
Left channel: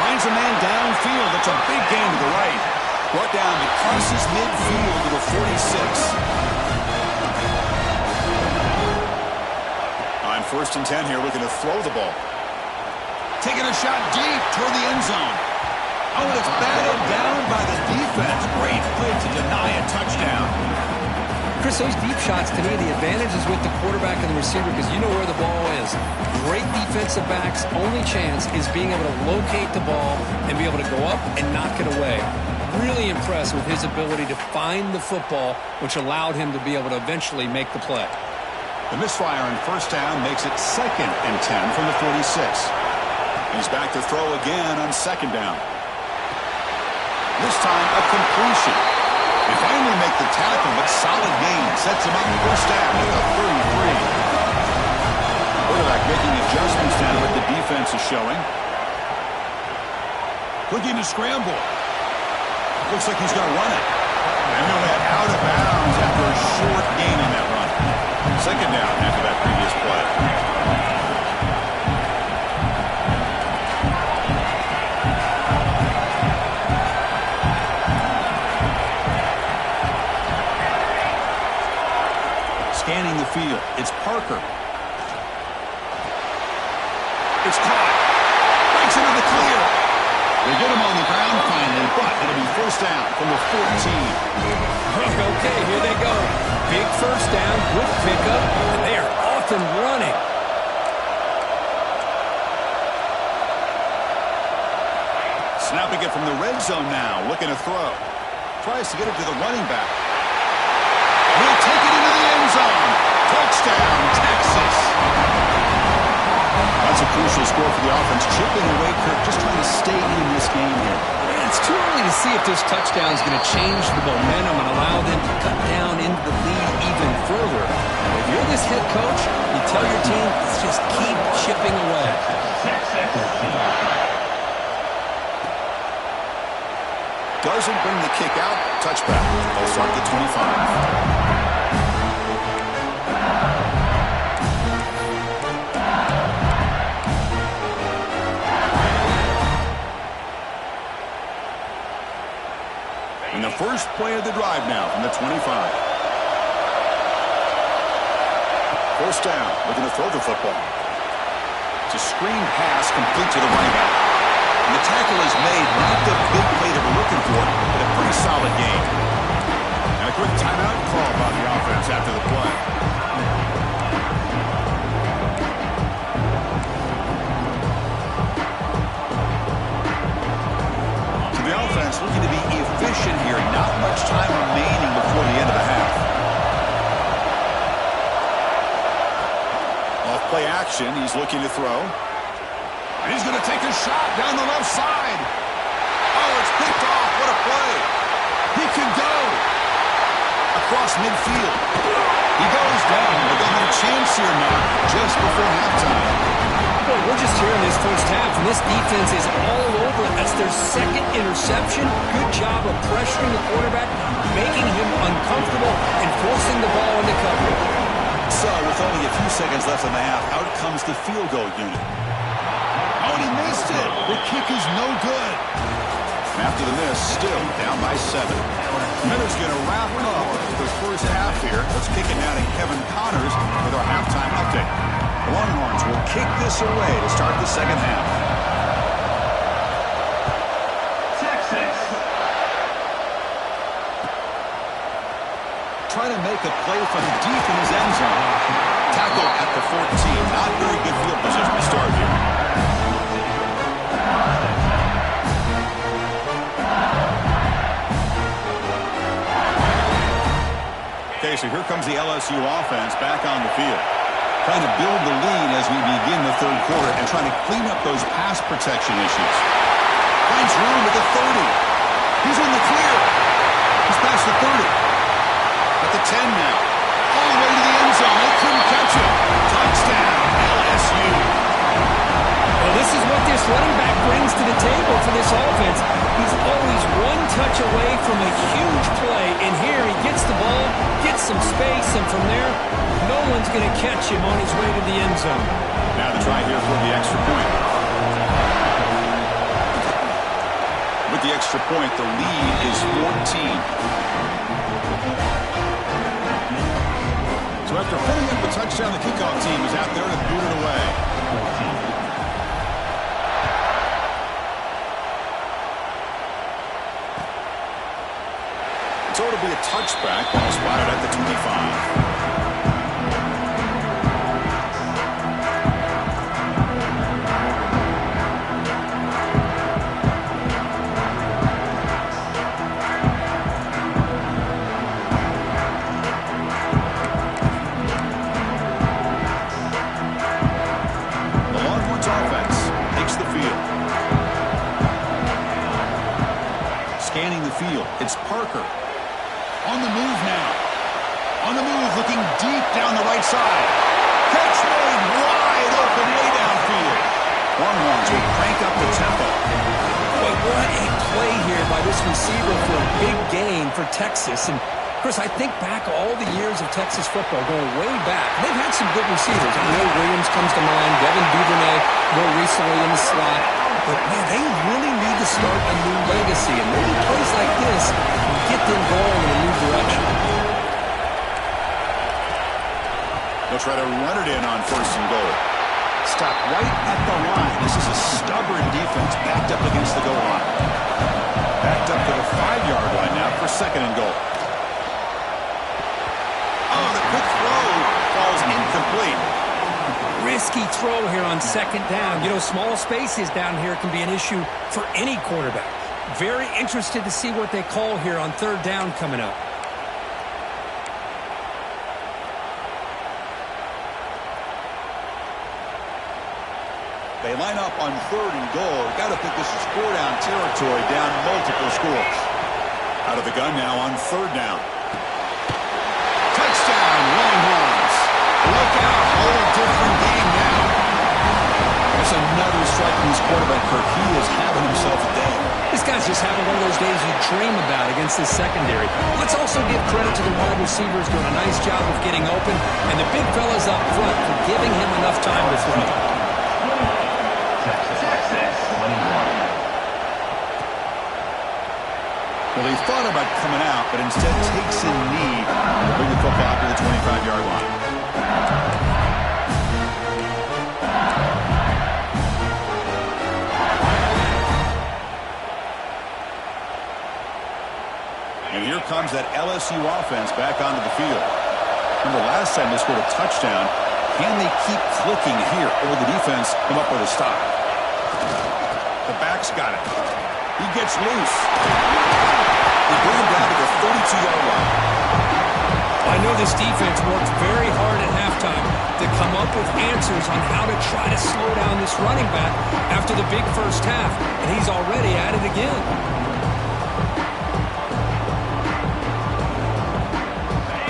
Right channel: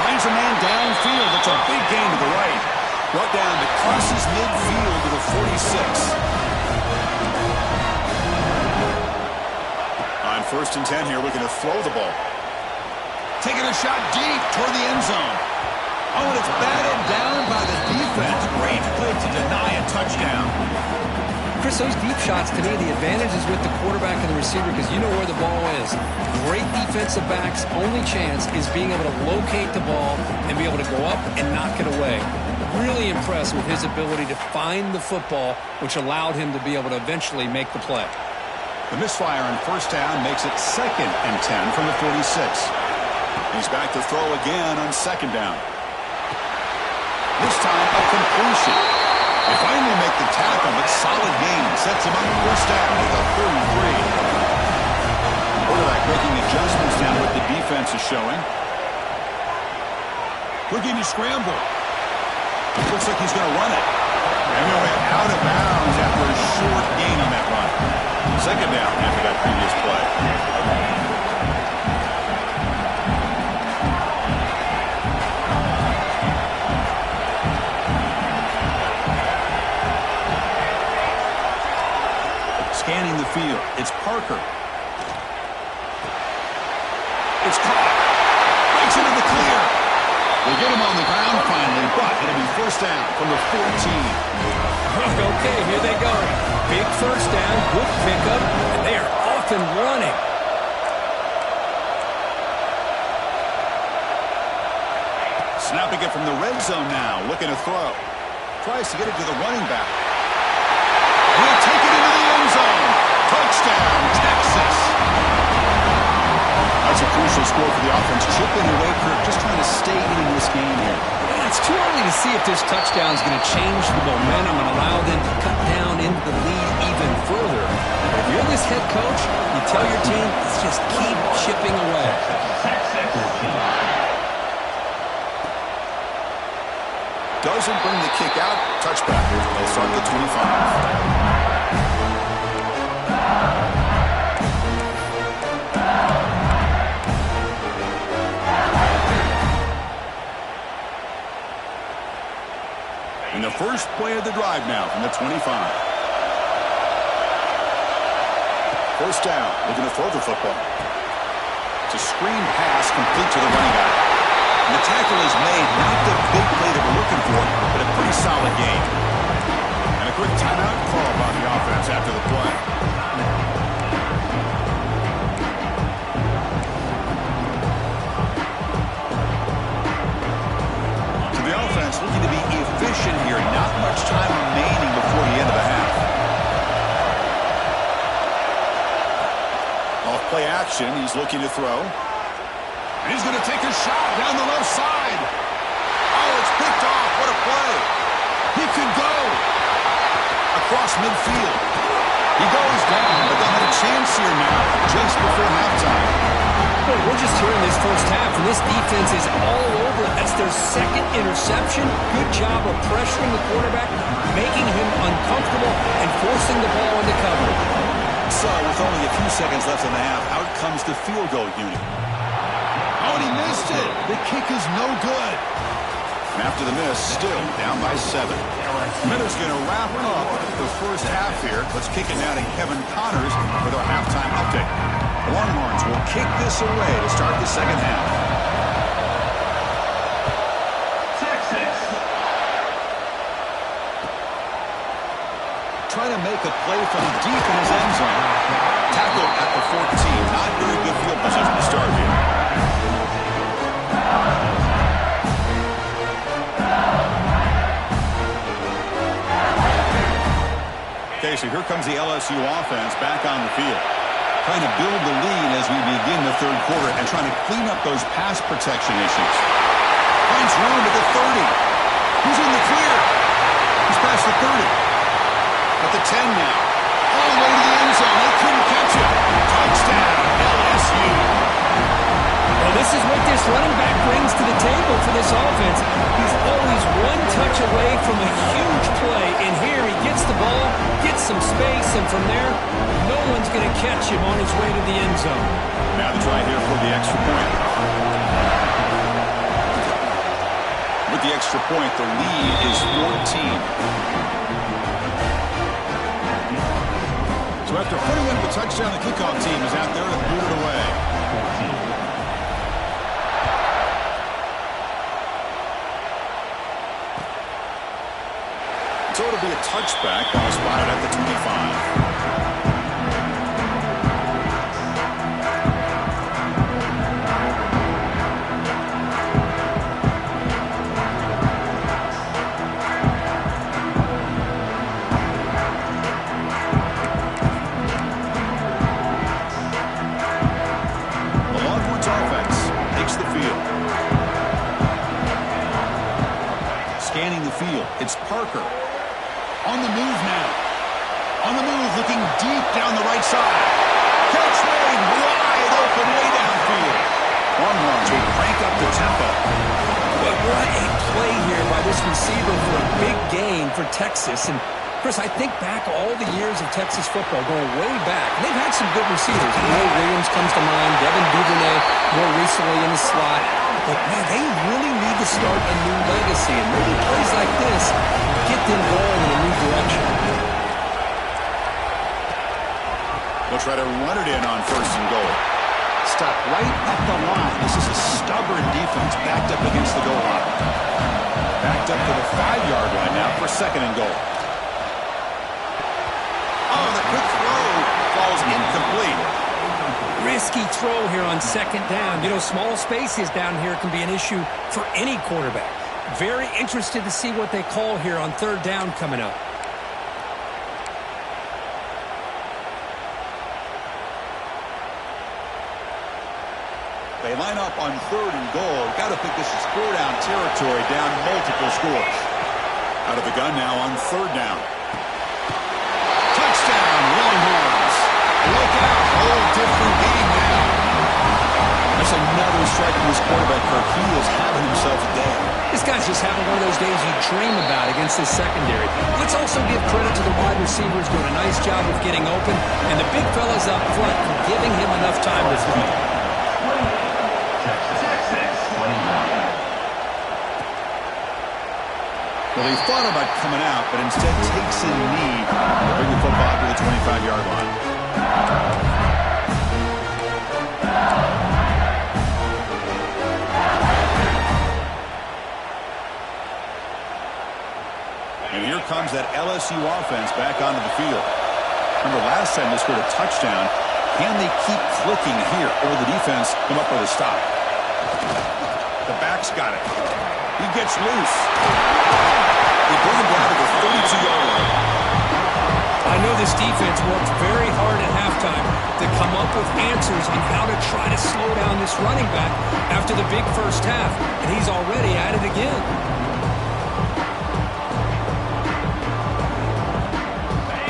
Finds a man downfield. That's a big gain to the right. Brought down that crosses midfield to the 46. On 1st and 10 here, looking to throw the ball. Taking a shot deep toward the end zone. Oh, and it's batted down by the defense. Great play to deny a touchdown. Chris, those deep shots, to me, the advantage is with the quarterback and the receiver because you know where the ball is. Great defensive backs' only chance is being able to locate the ball and be able to go up and knock it away. Really impressed with his ability to find the football, which allowed him to be able to eventually make the play. The misfire on first down makes it 2nd and 10 from the 46. He's back to throw again on second down. This time a completion. They finally make the tackle, but solid gain sets him up first down at the 33. Quarterback making adjustments down to what the defense is showing. Looking to scramble. Looks like he's going to run it. And he'll head out of bounds after a short gain on that run. Second down after that previous play. Scanning the field, it's Parker. It's caught. Breaks into the clear. They get him on the ground finally, but it'll be first down from the 14. Okay, here they go. Big first down, good pickup, and they are off and running. Snapping it from the red zone now, looking to throw. Tries to get it to the running back. He'll take it into the end zone. Touchdown, Texas. That's a crucial score for the offense. Chipping away, Kirk, just trying to stay in this game here. Yeah, it's too early to see if this touchdown is going to change the momentum and allow them to cut down into the lead even further. But if you're this head coach, you tell your team, let's just keep chipping away. Doesn't bring the kick out. Touchback. They'll start the 25. First play of the drive now from the 25. First down, looking to throw the football. It's a screen pass complete to the running back. And the tackle is made, not the big play that we're looking for, but a pretty solid game. And a quick timeout call by the offense after the play. So the offense looking to be efficient here. Not much time remaining before the end of the half. Off play action, he's looking to throw. And he's going to take a shot down the left side. Oh, it's picked off. What a play. He could go across midfield. He goes down, but they'll have a chance here now just before halftime. Boy, we're just here in this first half, and this defense is all over it. That's their second interception. Good job of pressuring the quarterback, making him uncomfortable, and forcing the ball into coverage. So, with only a few seconds left in the half, out comes the field goal unit. Oh, and he missed it. The kick is no good. And after the miss, still down by 7. Miller's going to wrap up the first half here. Let's kick it now to Kevin Connors with our halftime update. The Longhorns will kick this away to start the second half. Texas. Trying to make a play from deep in his end zone. Tackled at the 14. Not very good field position to start here. Okay, so here comes the LSU offense back on the field. Trying to build the lead as we begin the third quarter and trying to clean up those pass protection issues. Finds room at the 30. He's in the clear. He's past the 30. At the 10 now. All the way to the end zone. They couldn't catch him. Touchdown, LSU. Well, this is what this running back brings to the table for this offense. He's always one touch away from a huge play. And here he gets the ball, gets some space, and from there, no one's going to catch him on his way to the end zone. Now the try here for the extra point. With the extra point, the lead is 14. So after putting up the touchdown, the kickoff team is out there to boot it away. 14. So it'll be a touchback. Ball spotted at the 25. The Longhorns offense takes the field. Scanning the field. It's Parker. On the move now. On the move, looking deep down the right side. Catch made wide open way downfield. Longhorns will crank up the tempo. But what a play here by this receiver for a big gain for Texas. And, Chris, I think back all the years of Texas football, going way back. They've had some good receivers. Will Williams comes to mind. Devin Duvernay more recently in the slot. But, man, they really need to start a new legacy. And maybe plays like this will get them going in a new direction. They'll try to run it in on first and goal. Stop right at the line. This is a stubborn defense backed up against the goal line. Backed up to the 5-yard line now for second and goal. Oh, the quick throw falls incomplete. Risky throw here on second down. You know, small spaces down here can be an issue for any quarterback. Very interested to see what they call here on third down coming up. They line up on third and goal. Got to think this is four-down territory, down multiple scores. Out of the gun now on third down. Touchdown, Longhorns. Look out, whole different game now. That's another strike from his quarterback, Kirk. He is having himself a day. This guy's just having one of those days you dream about against this secondary. Let's also give credit to the wide receivers doing a nice job of getting open, and the big fellas up front for giving him enough time to throw. Texas 21. Well, he thought about coming out, but instead takes a knee to bring the football to the 25-yard line. And here comes that LSU offense back onto the field. Remember, last time they scored a touchdown. Can they keep clicking here, or will the defense come up with a stop? The back's got it. He gets loose. They bring him down to the 32-yard line. I know this defense worked very hard at halftime to come up with answers on how to try to slow down this running back after the big first half, and he's already at it again.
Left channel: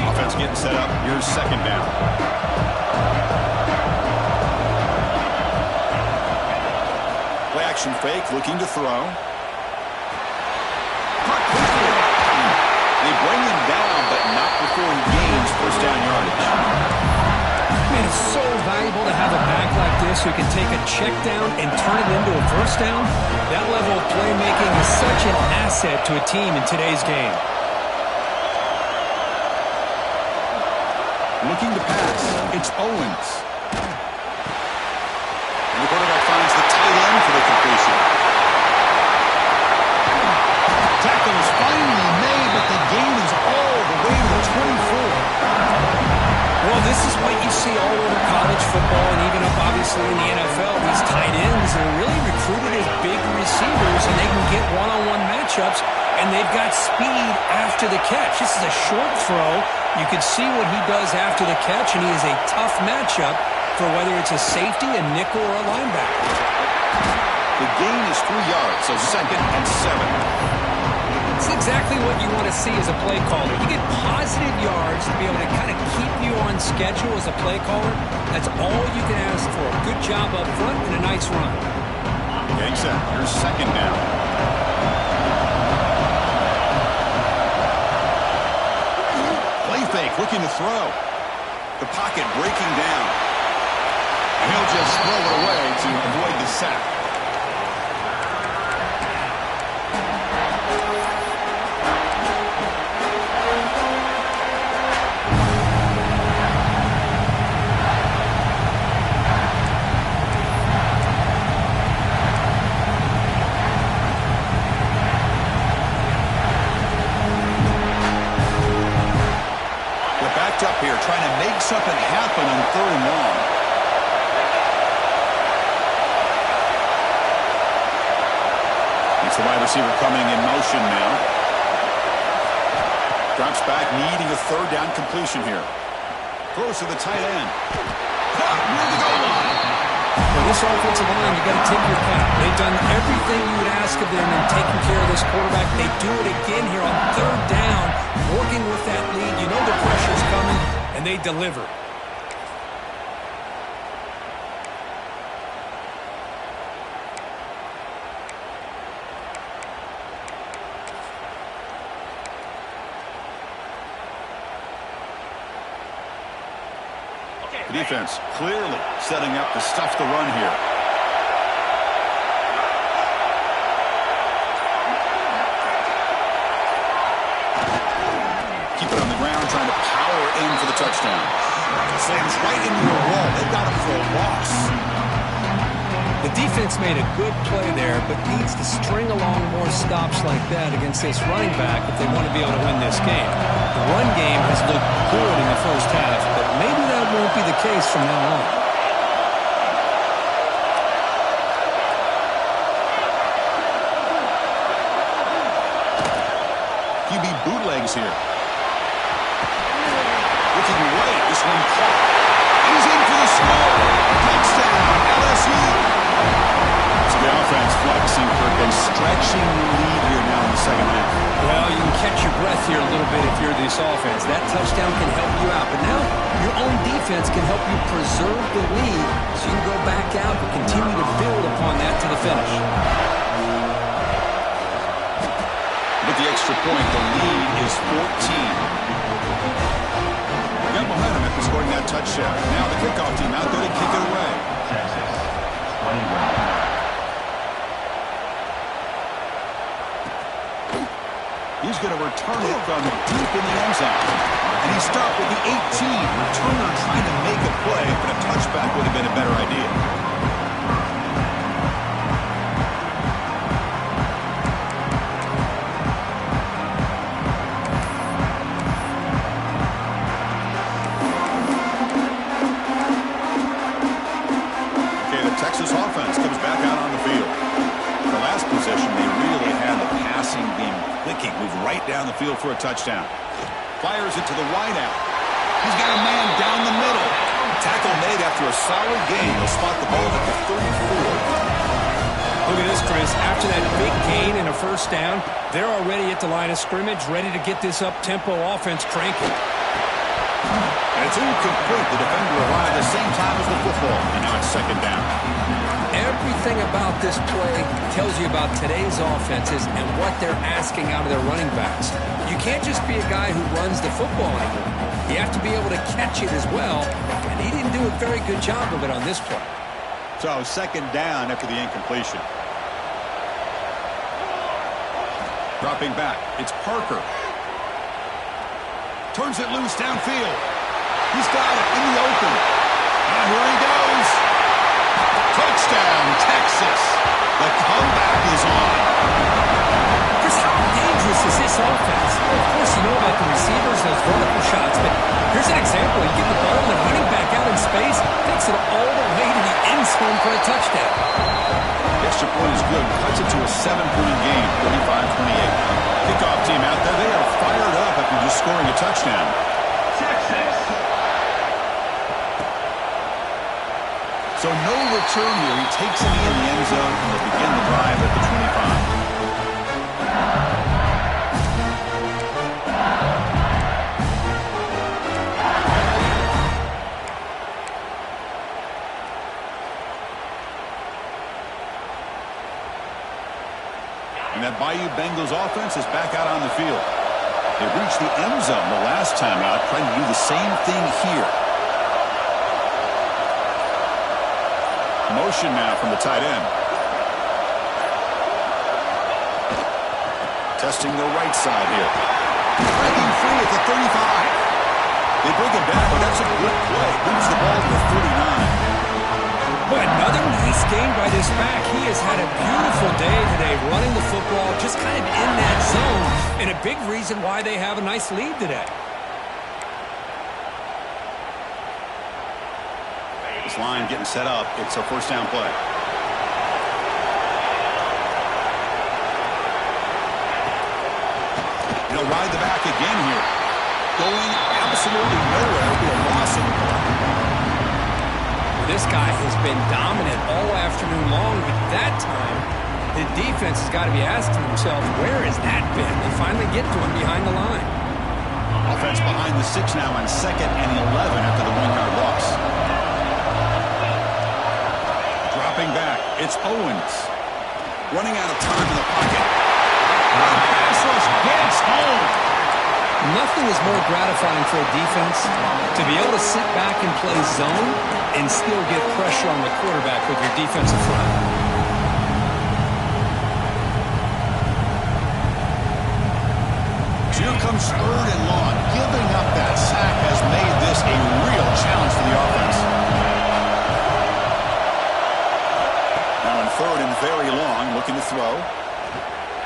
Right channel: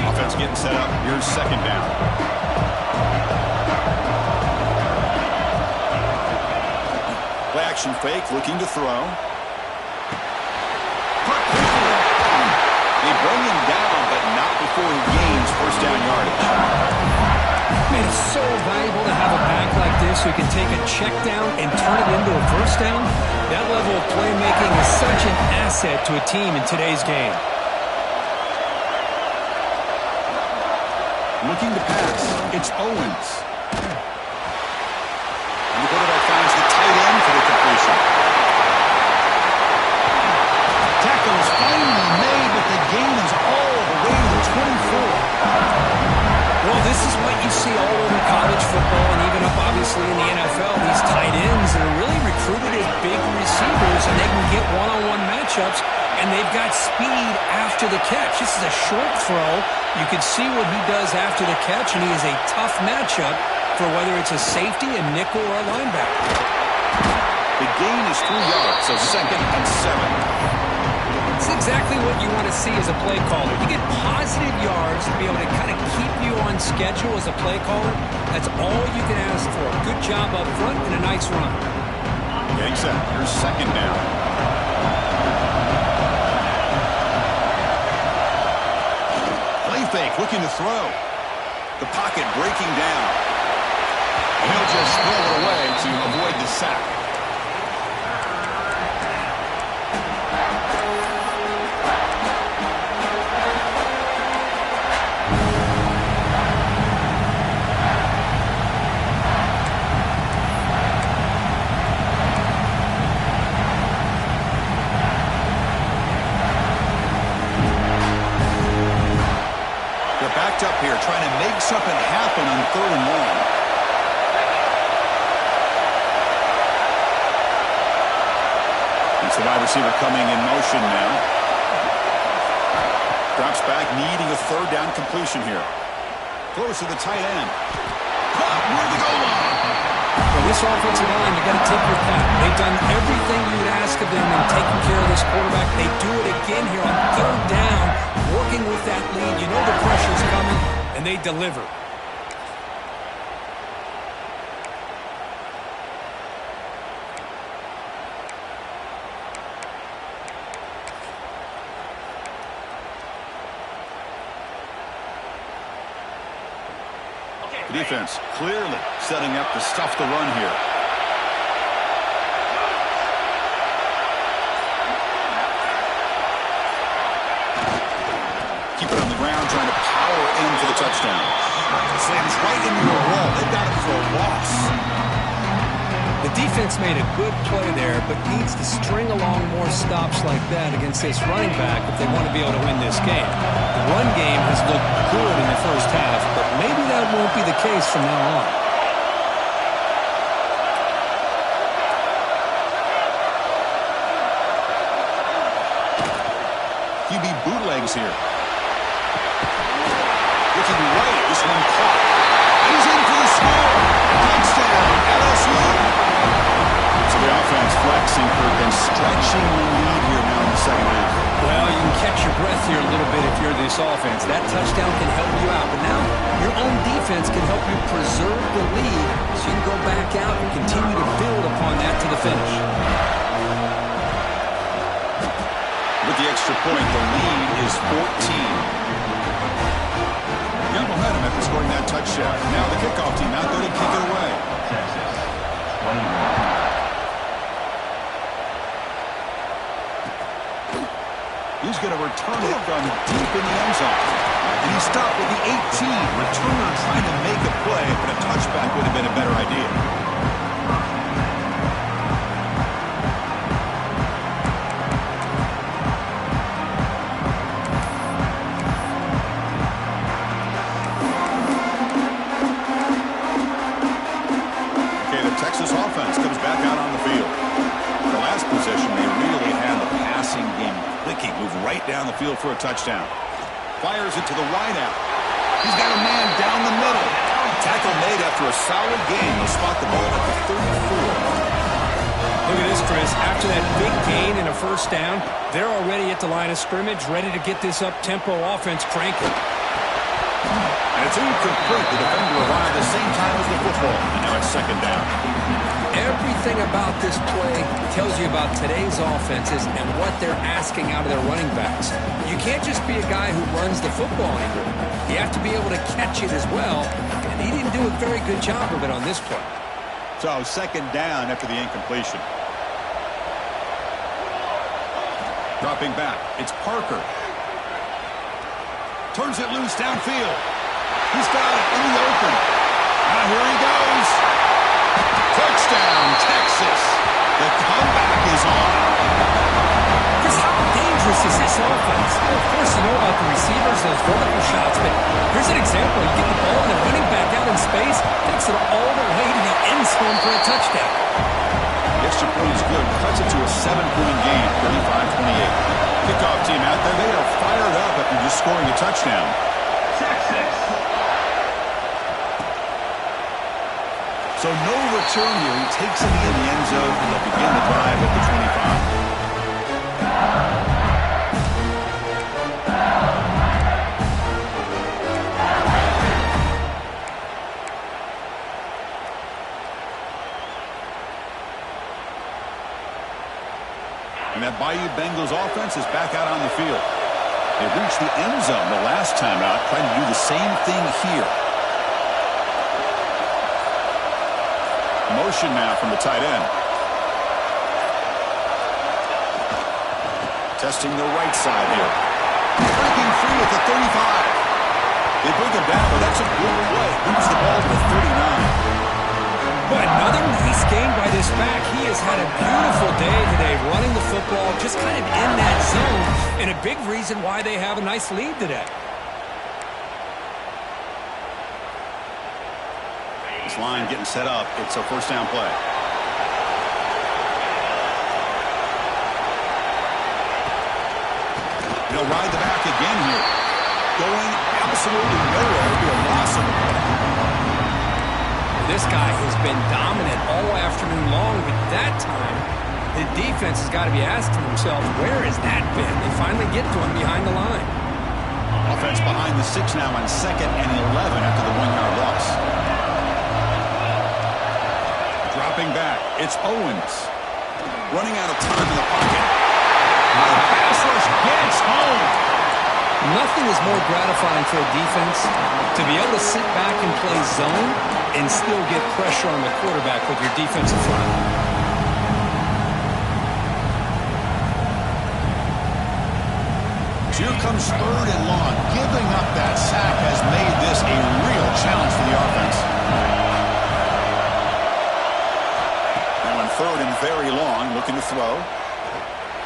Offense getting set up. Here's second down. Play action fake, looking to throw. Caught quickly. They bring him down, but not before he gains first down yardage. Man, it's so valuable to have a back like this who can take a check down and turn it into a first down. That level of playmaking is such an asset to a team in today's game. Looking to pass. It's Owens. And the quarterback finds the tight end for the completion. Tackle is finally made, but the gain is all the way to the 24. Well, this is what you see all over college football and even up, obviously, in the NFL. These tight ends are really recruited as big receivers, and they can get one-on-one matchups, and they've got speed after the catch. This is a short throw. You can see what he does after the catch, and he is a tough matchup for whether it's a safety, a nickel, or a linebacker. The gain is 3 yards, so 2nd and 7. It's exactly what you want to see as a play caller. You get positive yards to be able to kind of keep you on schedule as a play caller. That's all you can ask for. A good job up front and a nice run. Getting set. Here's second down. Play fake, looking to throw. The pocket breaking down. And he'll just throw it away to avoid the sack. Backed up here, trying to make something happen on 3rd and long. It's the wide receiver coming in motion now. Drops back, needing a 3rd down completion here. Throws to the tight end. Caught near the goal line. Well, this offensive line, you got to tip your cap. They've done everything you would ask of them in taking care of this quarterback. They do it again here on 3rd down, working with that lead. You know the pressure's coming, and they deliver. The defense clearly setting up to stuff the run here. Keep it on the ground, trying to power in for the touchdown. Slams right into a wall. They got him for a loss. The defense made a good play there, but needs to string along more stops like that against this running back if they want to be able to win this game. The run game has looked good in the first half, but maybe that won't be the case from now on. QB bootlegs here. Looking right, this one caught. And he's in for the score. Touchdown, LSU. So the offense flexing, Kirk, and stretching the lead here now in the second half. Well, you can catch your breath here a little bit if you're this offense. That touchdown can help you out. But now your own defense can help you preserve the lead so you can go back out and continue to build upon that to the finish. With the extra point, the lead is 14. Got momentum after scoring that touchdown. Now the kickoff team out there to kick it away. Texas, 21. He's going to return it from deep in the end zone. And he stopped with the 18. Returner trying to make a play, but a touchback would have been a better idea. Okay, the Texas offense comes back out on the field. The last possession, they really had the passing game clicking. Moved right down the field for a touchdown. Fires it to the wideout. He's got a man down the middle. Tackle made after a solid gain. They'll spot the ball at the 34. Look at this, Chris. After that big gain and a first down, they're already at the line of scrimmage, ready to get this up-tempo offense cranking. And it's incomplete. The defender arrived the same time as the football, and now it's second down. Everything about this play tells you about today's offenses and what they're asking out of their running backs. You can't just be a guy who runs the football anymore. You have to be able to catch it as well, and he didn't do a very good job of it on this play. So second down after the incompletion. Dropping back, it's Parker. Turns it loose downfield. He's got it in the open. Now here he goes. Touchdown, Texas. The comeback is on. Chris, how dangerous is this offense? Well, of course, you know about the receivers, those vertical shots, but here's an example. You get the ball and the running back out in space, takes it all the way to the end zone for a touchdown. The extra point is good. Cuts it to a 7-point game, 35-28. Kickoff team out there. They are fired up after just scoring a touchdown. Texas. So no return here. He takes it in the end zone, and they'll begin the drive at the 25. And that Bayou Bengals offense is back out on the field. They reached the end zone the last time out, trying to do the same thing here. Motion now from the tight end. Testing the right side here. Breaking free at the 35. They bring him down, but that's a good play. Moves the ball to the 39. Boy, another nice game by this back. He has had a beautiful day today running the football, just kind of in that zone, and a big reason why they have a nice lead today. This line getting set up. It's a first down play. He'll ride the back again here. Going absolutely nowhere. It'll be a loss of the play. This guy has been dominant all afternoon long, but that time, the defense has got to be asking themselves, where has that been? They finally get to him behind the line. Offense behind the 6 now on 2nd and 11 after the 1-yard loss. Dropping back, it's Owens. Running out of time in the pocket. The pass rush gets home. Nothing is more gratifying for a defense to be able to sit back and play zone and still get pressure on the quarterback with your defensive front. So here comes 3rd and long. Giving up that sack has made this a real challenge for the offense. Now in 3rd and very long, looking to throw.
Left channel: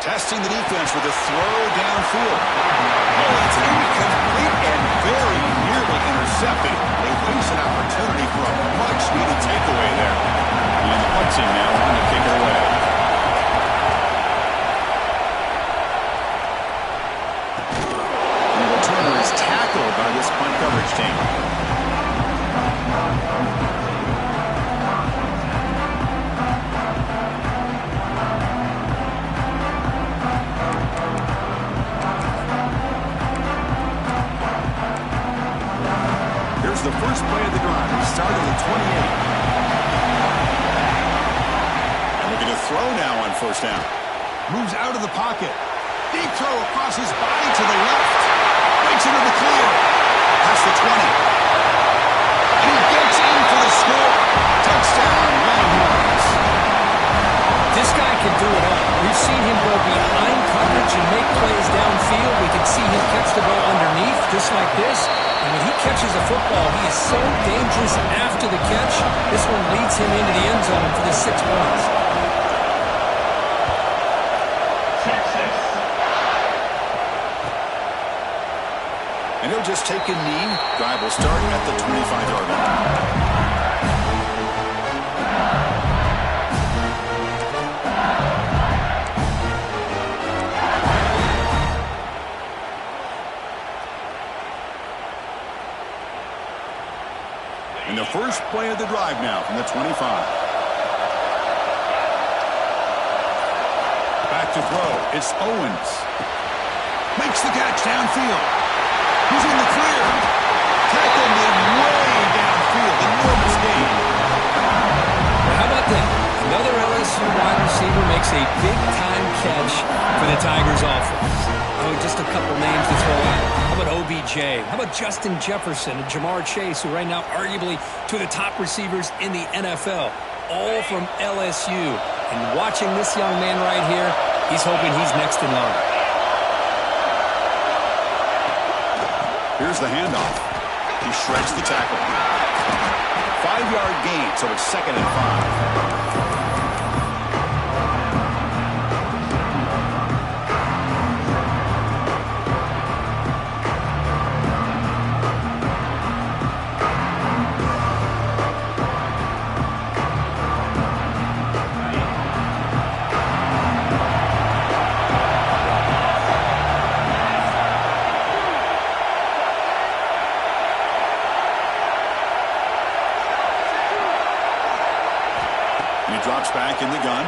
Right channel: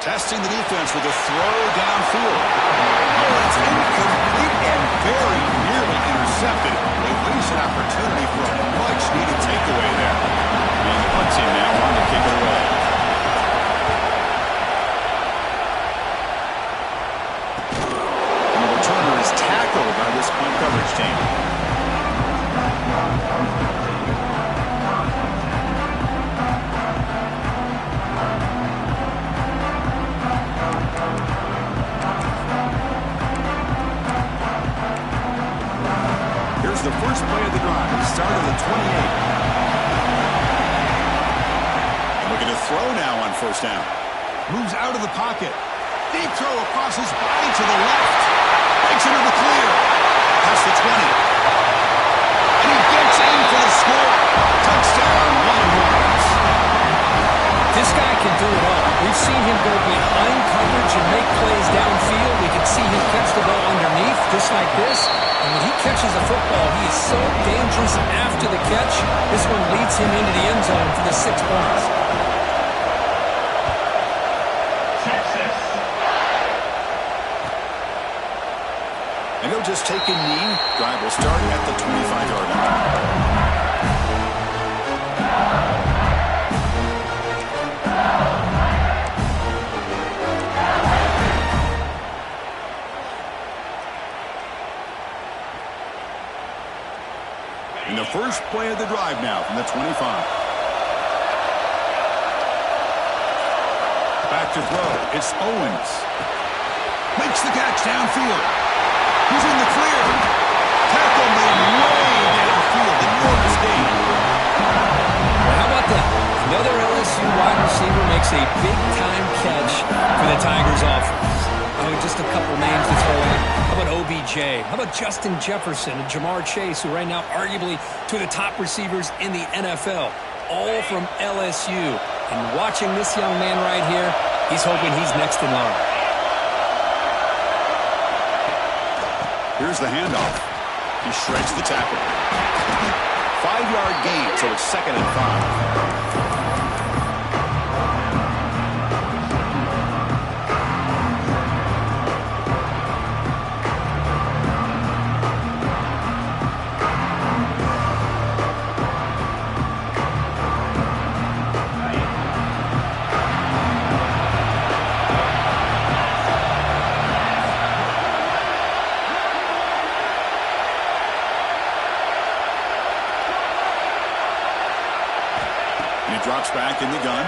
Testing the defense with a throw downfield. Oh, it's incomplete and very nearly intercepted. They waste an opportunity for a much-needed takeaway there. And the punt team now on to kick it away. And the returner is tackled by this punt coverage team. The first play of the drive. He started at the 28. And looking to throw now on first down. Moves out of the pocket. Deep throw across his body to the left. Breaks into the clear. Past the 20. And he gets in for the score. Touchdown, Longhorns. This guy can do it all. We've seen him go behind coverage and make plays downfield. We can see him catch the ball underneath, just like this. And when he catches a football, he is so dangerous after the catch. This one leads him into the end zone for the 6 points. Texas. And he'll just take a knee. Drive will start at the 25-yard line. And the first play of the drive now from the 25. Back to throw. It's Owens. Makes the catch downfield. He's in the clear. Tackle made way downfield. Enormous gain. Well, how about that? Another LSU wide receiver makes a big-time catch for the Tigers offense. Oh, just a couple names to throw out. How about OBJ? How about Justin Jefferson and Jamar Chase, who right now arguably two of the top receivers in the NFL, all from LSU. And watching this young man right here, he's hoping he's next in line. Here's the handoff. He shreds the tackle. 5-yard gain, so it's 2nd and 5. Drops back in the gun.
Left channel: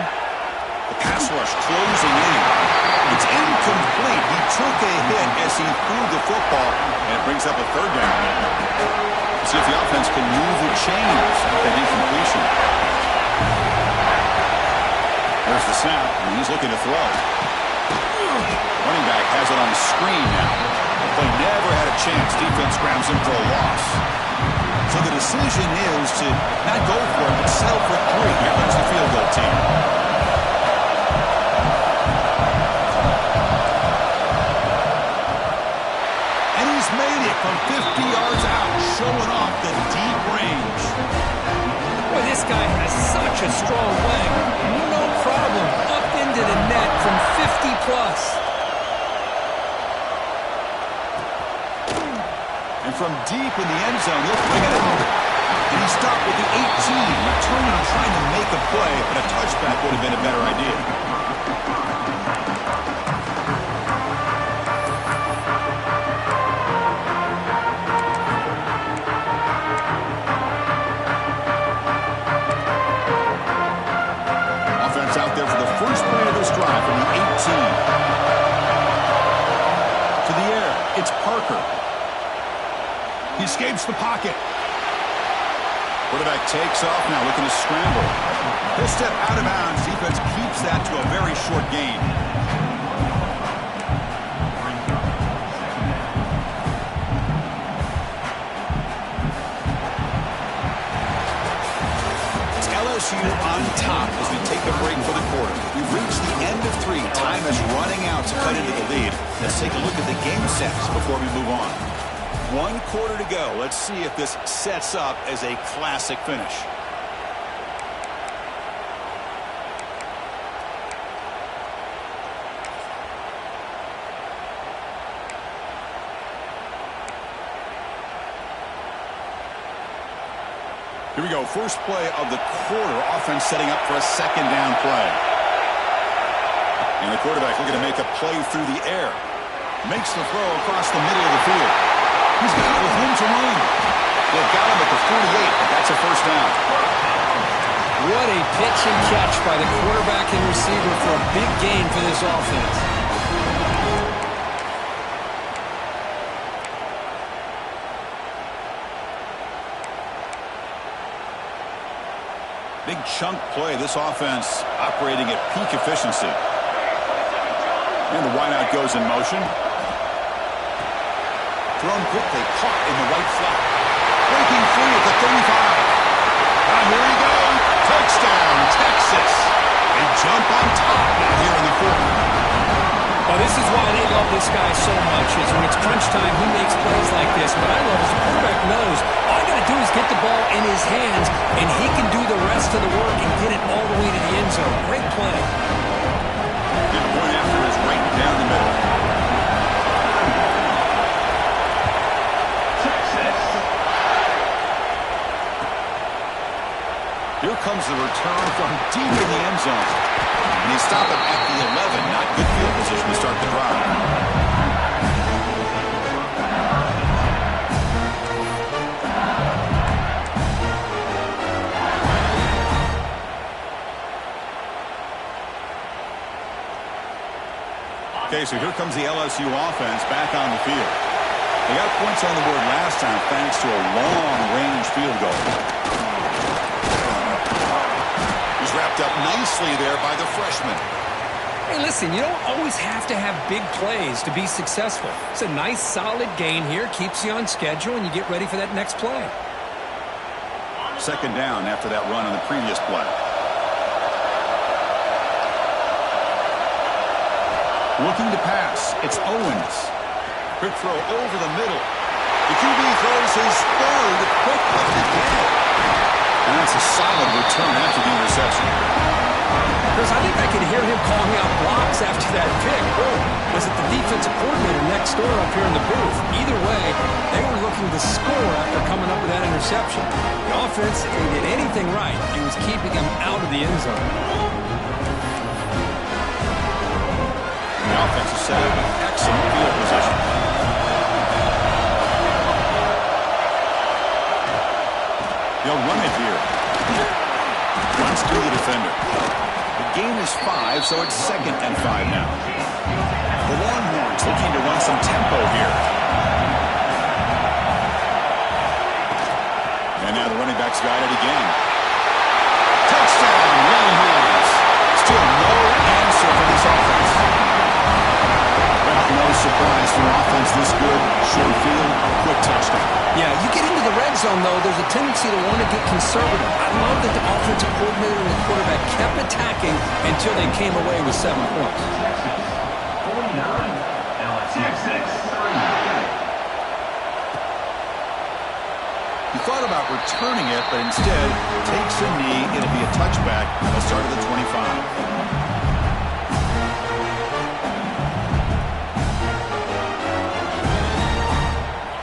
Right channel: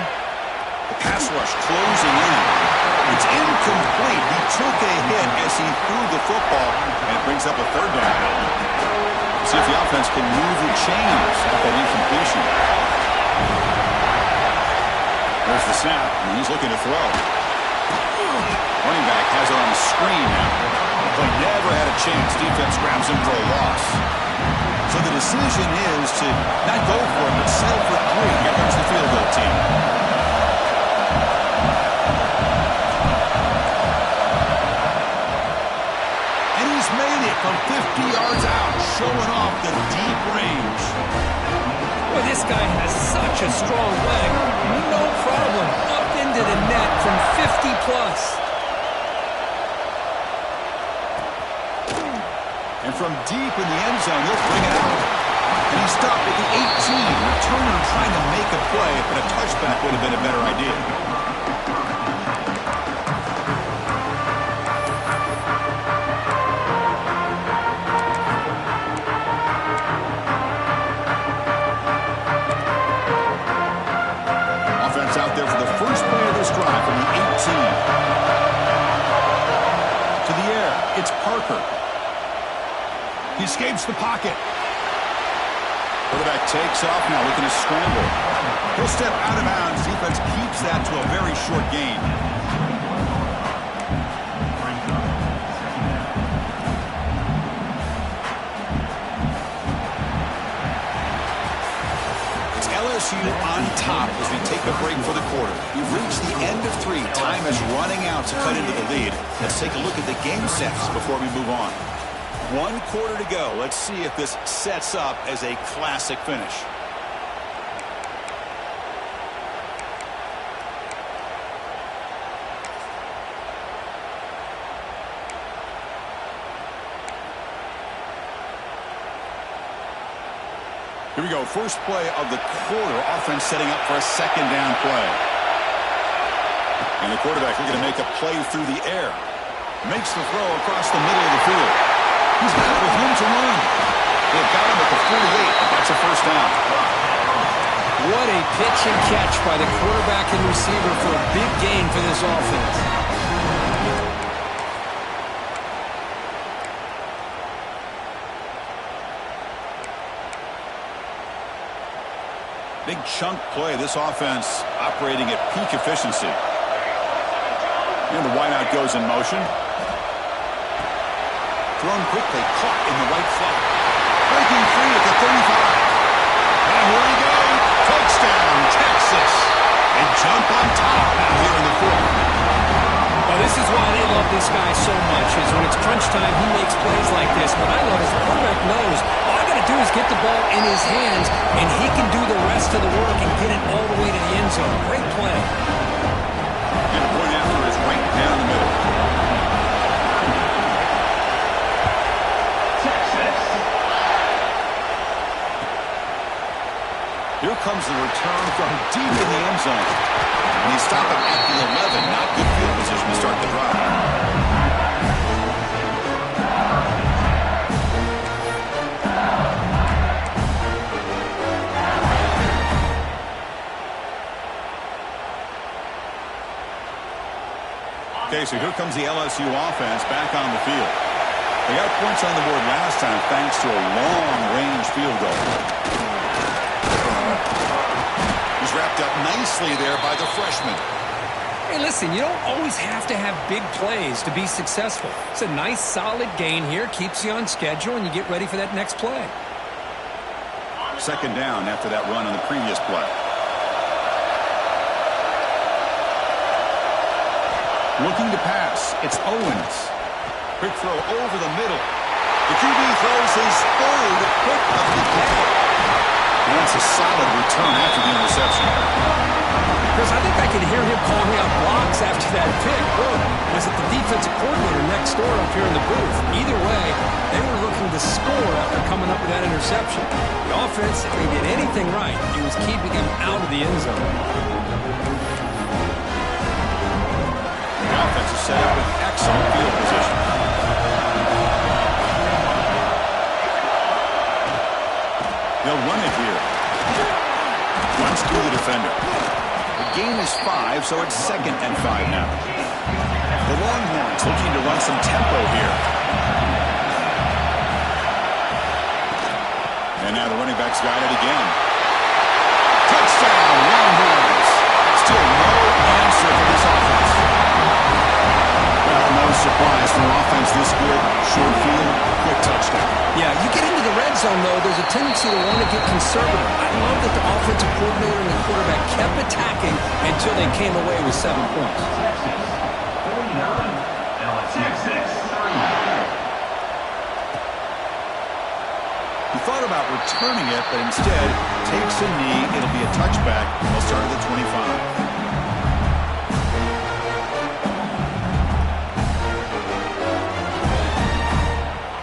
The pass rush closing in. It's incomplete. He took a hit as he threw the football, and it brings up a 3rd down. We'll see if the offense can move the chains at that incompletion. There's the snap, and he's looking to throw. Running back has it on the screen now. The play never had a chance. Defense grabs him for a loss. So the decision is to not go for it, but settle for 3. Here comes the field goal team. And he's made it from 50 yards out, showing off the deep range. Boy, this guy has such a strong leg. No problem. Up into the net from 50+. And from deep in the end zone, he'll bring it out. And he stopped at the 18, returning and trying to make a play, but a touchback would have been a better idea. Offense out there for the first play of this drive from the 18. To the air, it's Parker. He escapes the pocket. Quarterback takes off now, looking to scramble. He'll step out of bounds. Defense keeps that to a very short gain. It's LSU on top as we take a break for the quarter. We've reached the end of 3. Time is running out to cut into the lead. Let's take a look at the game sets before we move on. 1 quarter to go. Let's see if this sets up as a classic finish. Here we go. First play of the quarter. Offense setting up for a 2nd down play. And the quarterback looking to make a play through the air. Makes the throw across the middle of the field. He's got it with room to run. They've got him at the 48, but that's a 1st down. What a pitch and catch by the quarterback and receiver for a big gain for this offense. Big chunk play. This offense operating at peak efficiency. And the wideout goes in motion. Thrown quickly, caught in the right flat. Breaking free at the 35. And here we go. Touchdown, Texas. They jump on top now here in the fourth. Well, this is why they love this guy so much, is when it's crunch time, he makes plays like this. What I love is the quarterback knows all I got to do is get the ball in his hands, and he can do the rest of the work and get it all the way to the end zone. Great play. And the point after is right down the middle. Texas. Here comes the return from deep in the end zone. And he stopped him at the 11. Not good field position to start the drive. Okay, so here comes the LSU offense back on the field. They got points on the board last time thanks to a long-range field goal. He's wrapped up nicely there by the freshman. Hey, listen, you don't always have to have big plays to be successful. It's a nice, solid gain here. Keeps you on schedule, and you get ready for that next play. Second down after that run on the previous play. Looking to pass. It's Owens. Quick throw over the middle. The QB throws his third pick of the day. And that's a solid return after the interception. Chris, I think I could hear him calling out blocks after that pick. Or was it the defensive coordinator next door up here in the booth? Either way, they were looking to score after coming up with that interception. The offense, if they did anything right, it was keeping him out of the end zone. The offense is set up with excellent field position. They'll run it here. Runs through the defender. The gain is 5, so it's 2nd and 5 now. The Longhorns looking to run some tempo here. And now the running back's got it again. Touchdown, Longhorns. Still no answer for this offense. Well, no surprise for offense this good. Short field, quick touchdown. Yeah, you get into the red zone, though, there's a tendency to want to get conservative. I love that the offensive coordinator and the quarterback kept attacking until they came away with 7 points. Texas 49. LSU 3. He thought about returning it, but instead takes a knee. It'll be a touchback, and they'll start at the 25.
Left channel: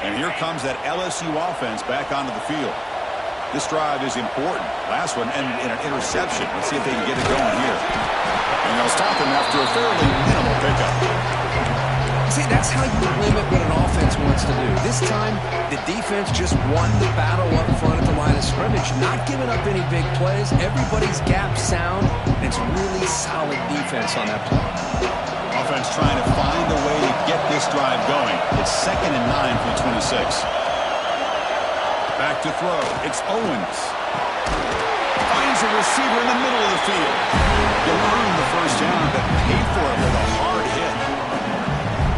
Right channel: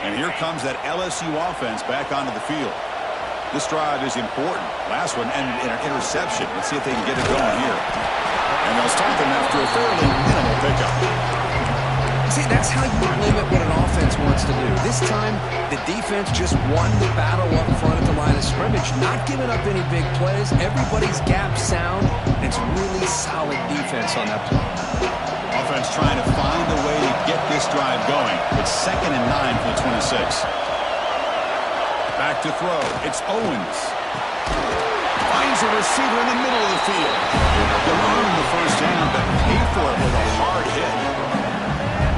And here comes that LSU offense back onto the field. This drive is important. Last one ended in an interception. Let's see if they can get it going here. And they'll stop him after a fairly minimal pickup. See, that's how you limit what an offense wants to do. This time, the defense just won the battle up front at the line of scrimmage, not giving up any big plays. Everybody's gap sound. It's really solid defense on that play. Offense trying to find a way to get this drive going. It's 2nd and 9 for the 26. Back to throw. It's Owens. Finds a receiver in the middle of the field. You'll earn the first down, but pay for it with a hard hit.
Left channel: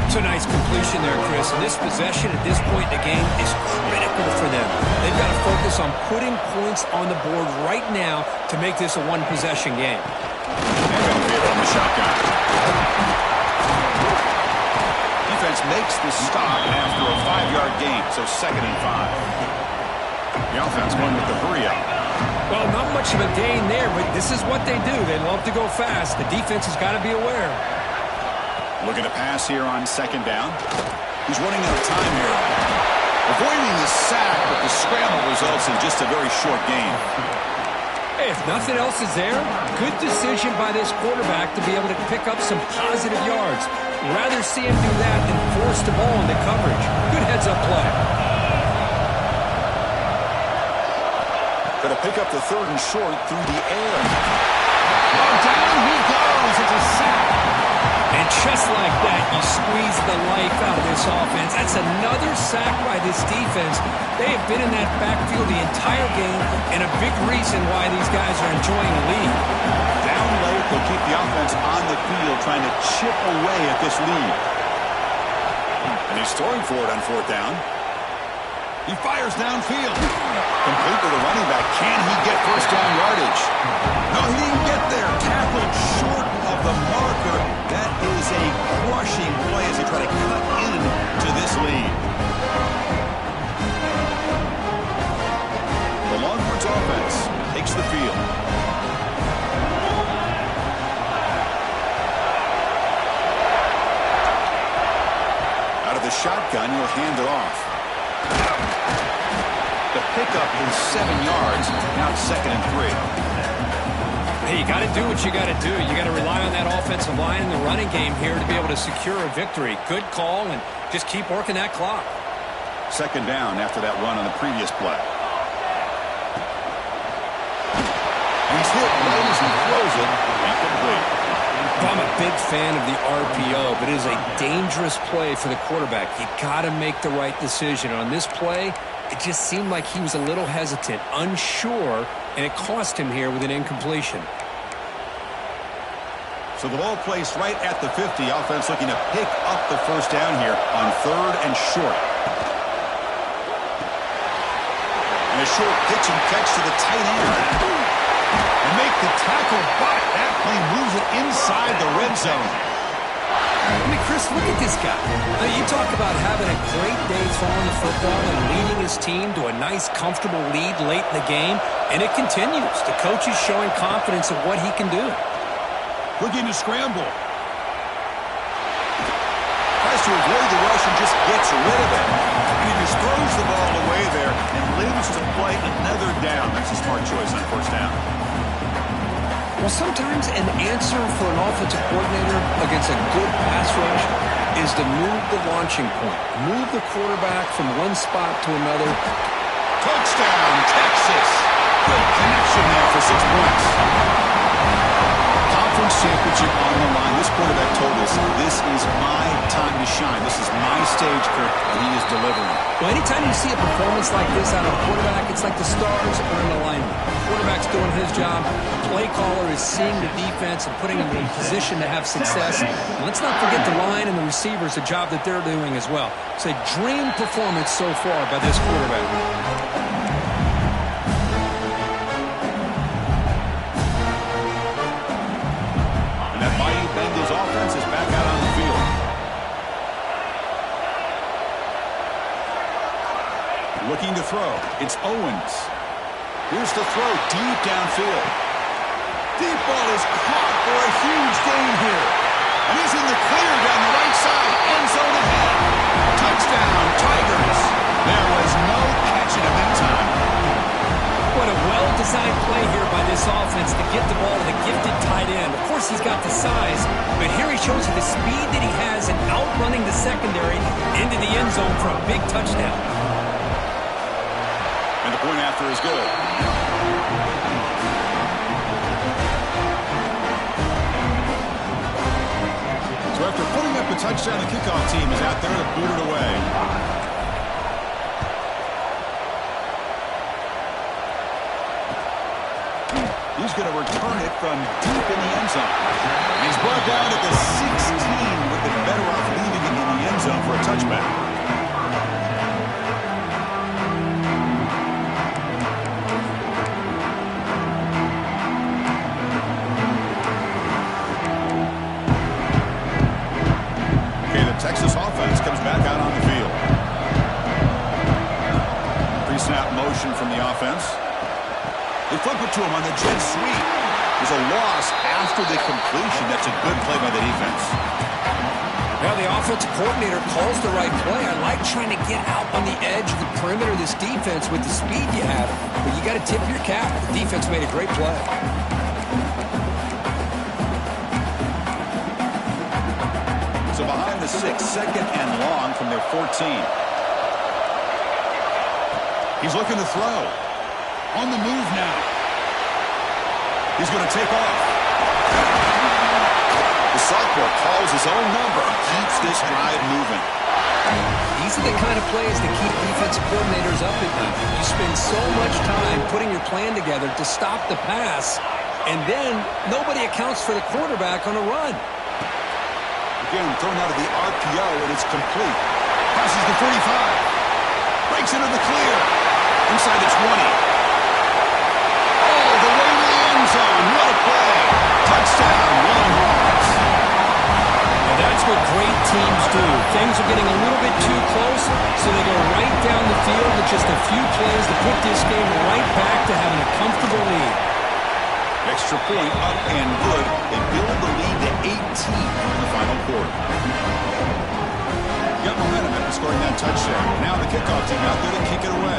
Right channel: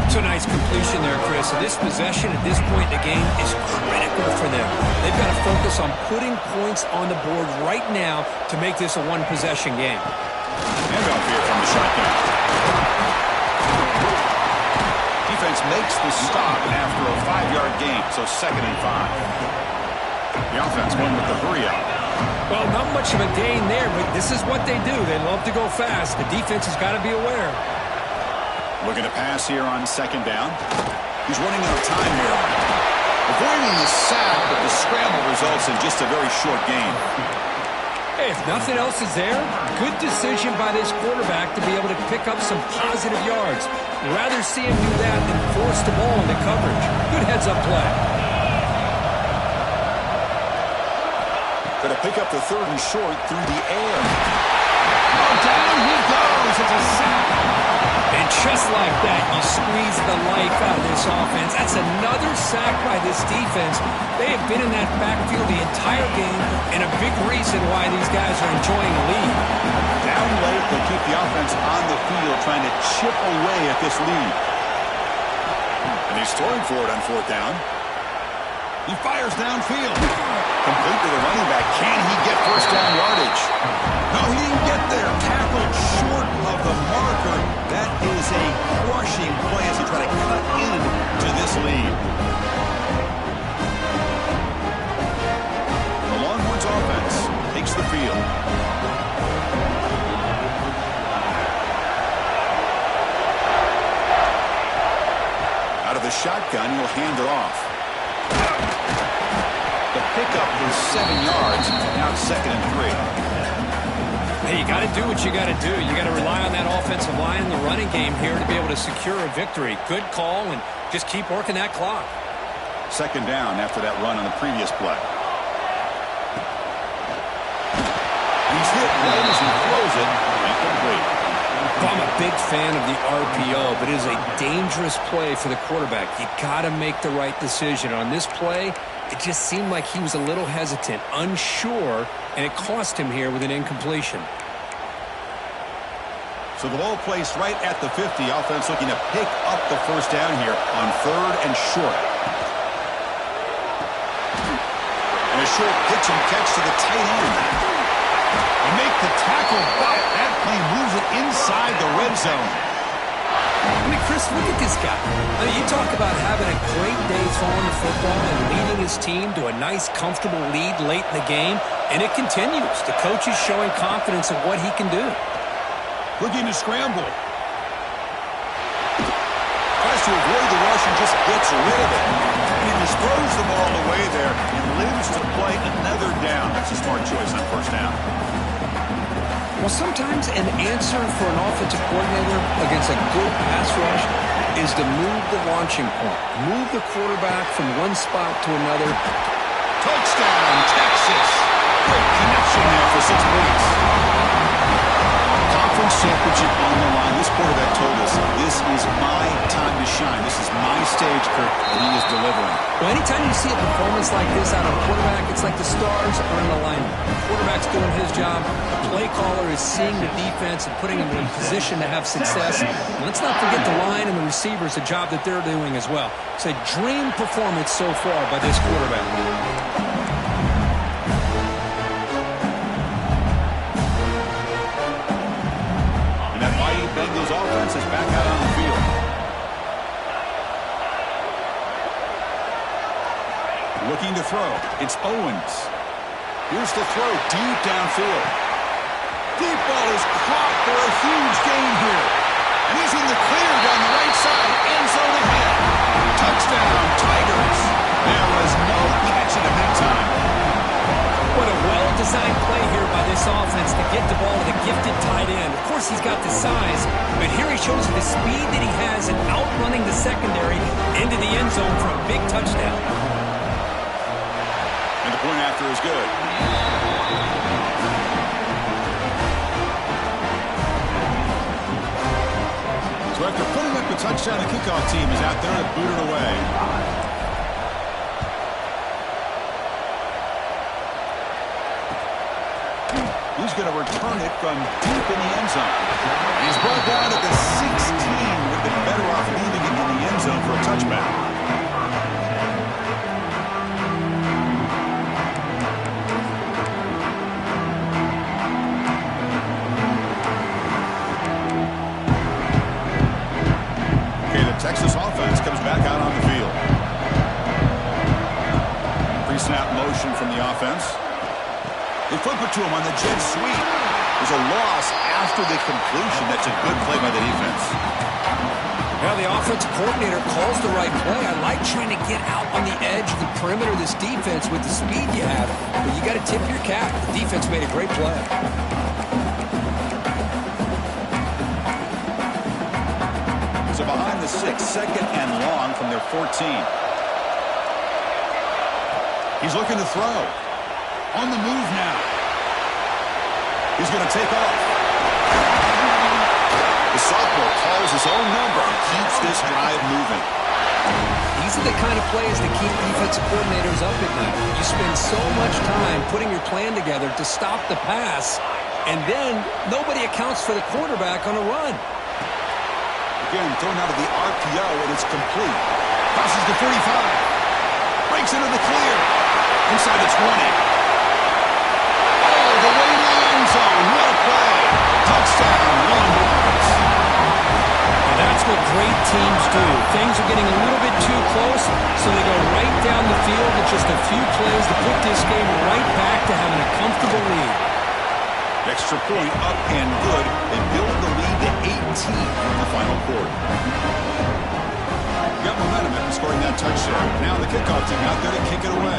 It's a nice completion there, Chris. And this possession at this point in the game is critical for them. They've got to focus on putting points on the board right now to make this a one-possession game. Handoff here from the shotgun. Defense makes the stop after a 5-yard gain, so 2nd and 5. The offense going with the hurry up. Well, not much of a gain there, but this is what they do. They love to go fast. The defense has got to be aware. Looking to pass here on 2nd down. He's running out of time here. Avoiding the sack, but the scramble results in just a very short gain. Hey, if nothing else is there, good decision by this quarterback to be able to pick up some positive yards. Rather see him do that than force the ball into coverage. Good heads-up play. Going to pick up the 3rd and short through the air. Oh, down he goes. It's a sack. And just like that, you squeeze the life out of this offense. That's another sack by this defense. They have been in that backfield the entire game, and a big reason why these guys are enjoying a lead. Down late, they'll keep the offense on the field trying to chip away at this lead. And he's throwing for it on 4th down. He fires downfield. Complete to the running back. Can he get first down yardage? No, he didn't get there. Tackled short of the marker. That is a crushing play as he try to cut into this lead. The Longhorns offense takes the field. Out of the shotgun, he'll hand it off. The pickup is 7 yards. Now it's 2nd and 3. Hey, you got to do what you got to do. You got to rely on that offensive line in the running game here to be able to secure a victory. Good call, and just keep working that clock. 2nd down after that run on the previous play. And he's hit right as he throws it. Incomplete. I'm a big fan of the RPO, but it is a dangerous play for the quarterback. You got to make the right decision. On this play, it just seemed like he was a little hesitant, unsure, and it cost him here with an incompletion. So the ball placed right at the 50. Offense looking to pick up the first down here on 3rd and short. And a short pitch and catch to the tight end. And make the tackle, but that play moves it inside the red zone. I mean, Chris, look at this guy. I mean, you talk about having a great day throwing the football and leading his team to a nice, comfortable lead late in the game, and it continues. The coach is showing confidence in what he can do. Looking to scramble. Tries to avoid the rush and just gets rid of it. And he just throws the ball away there and lives to play another down. That's a smart choice on first down. Well, sometimes an answer for an offensive coordinator against a good pass rush is to move the launching point. Move the quarterback from one spot to another. Touchdown, Texas. Great connection there for 6 points. Conference championship on the line. This quarterback told us, this is my time to shine. This is my stage, Kirk, and he is delivering. Well, anytime you see a performance like this out of a quarterback, it's like the stars are in alignment. The quarterback's doing his job. The play caller is seeing the defense and putting them in a position to have success. And let's not forget the line and the receivers, the job that they're doing as well. It's a dream performance so far by this quarterback. Bengals offense is back out on the field. Looking to throw. It's Owens. Here's the throw deep downfield. Deep ball is caught for a huge gain here. And he's in the clear down the right side. End zone ahead. Touchdown, Tigers. There was no catching him that time. What a well-designed play here by this offense to get the ball to the gifted tight end. Of course, he's got the size, but here he shows you the speed that he has in outrunning the secondary into the end zone for a big touchdown. And the point after is good. So after putting up the touchdown, the kickoff team is out there to boot it away. He's going to return it from deep in the end zone. And he's brought down at the 16. Would have been better off leaving it in the end zone for a touchback. Okay, the Texas offense comes back out on the field. Pre-snap motion from the offense. They flip it to him on the jet sweep. There's a loss after the completion. That's a good play by the defense. Well, the offensive coordinator calls the right play. I like trying to get out on the edge of the perimeter of this defense with the speed you have. But you got to tip your cap. The defense made a great play. So behind the 6, 2nd and long from their 14. He's looking to throw. On the move now. He's going to take off. The sophomore calls his own number and keeps this drive moving. These are the kind of plays that keep defensive coordinators up at night. You spend so much time putting your plan together to stop the pass, and then nobody accounts for the quarterback on a run. Again, thrown out of the RPO, and it's complete. Crosses the 45. Breaks into the clear. Inside the 20. All the way to the end zone. What a play. Touchdown, Longhorns. And that's what great teams do. Things are getting a little bit too close, so they go right down the field with just a few plays to put this game right back to having a comfortable lead. Extra point up and good. They build the lead to 18 during the final quarter. Got momentum after scoring that touchdown. Now the kickoff team out there to kick it away.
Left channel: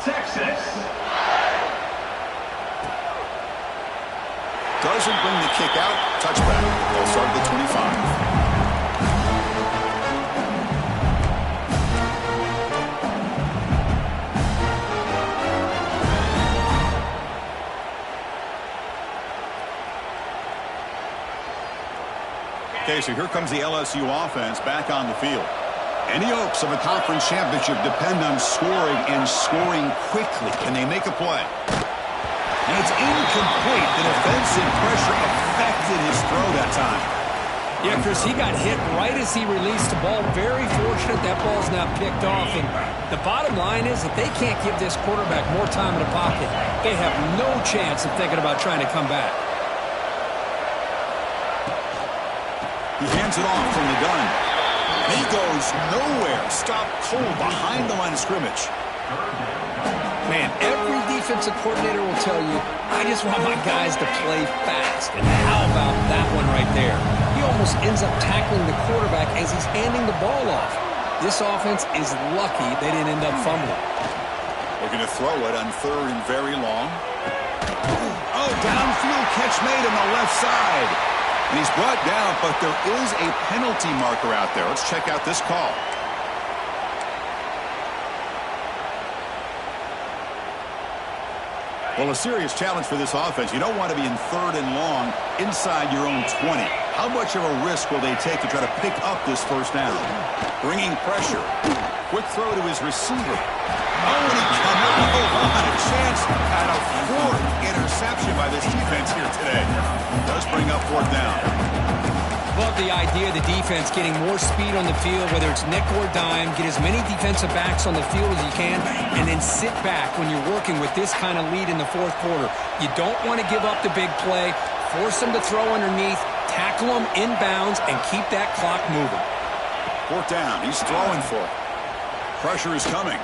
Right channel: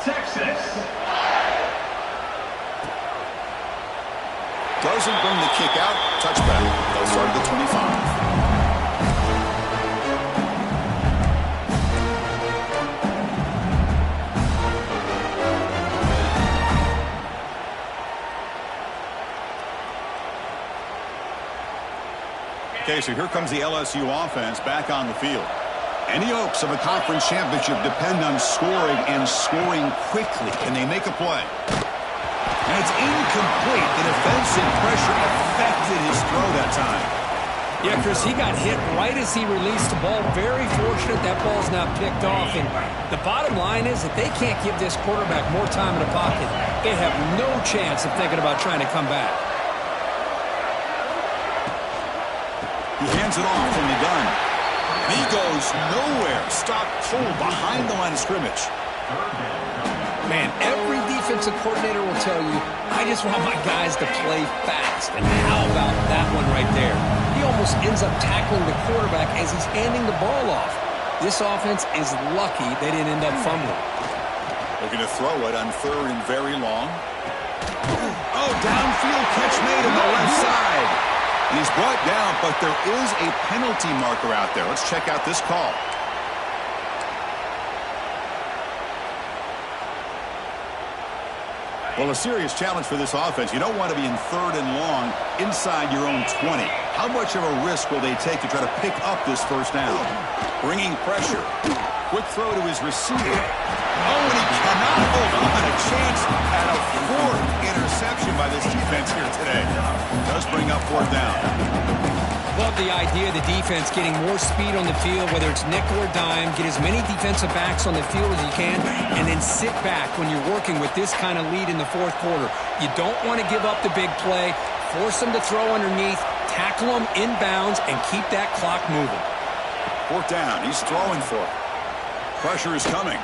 Texas. Doesn't bring the kick out. Touchback. They'll start at the 25. Okay, so here comes the LSU offense back on the field. Any hopes of a conference championship depend on scoring and scoring quickly. Can they make a play? And it's incomplete. The defensive pressure affected his throw that time. Yeah, Chris, he got hit right as he released the ball. Very fortunate that ball's now picked off. And the bottom line is that they can't give this quarterback more time in the pocket. They have no chance of thinking about trying to come back. He hands it off from the gun. And he goes nowhere. Stopped cold behind the line of scrimmage. Man, every defensive coordinator will tell you, I just want my guys to play fast. And how about that one right there? He almost ends up tackling the quarterback as he's handing the ball off. This offense is lucky they didn't end up fumbling. Looking to throw it on third and very long. Oh, downfield catch made on the left side. And he's brought down, but there is a penalty marker out there. Let's check out this call. Well, a serious challenge for this offense. You don't want to be in third and long inside your own 20. How much of a risk will they take to try to pick up this first down? Bringing pressure. Quick throw to his receiver. Oh, and he cannot hold on. A chance at a fourth interception by this defense here today. Does bring up fourth down. Love the idea of the defense getting more speed on the field, whether it's nickel or dime, get as many defensive backs on the field as you can, and then sit back when you're working with this kind of lead in the fourth quarter. You don't want to give up the big play, force them to throw underneath, tackle them inbounds, and keep that clock moving. Fourth down. He's throwing for it. Pressure is coming.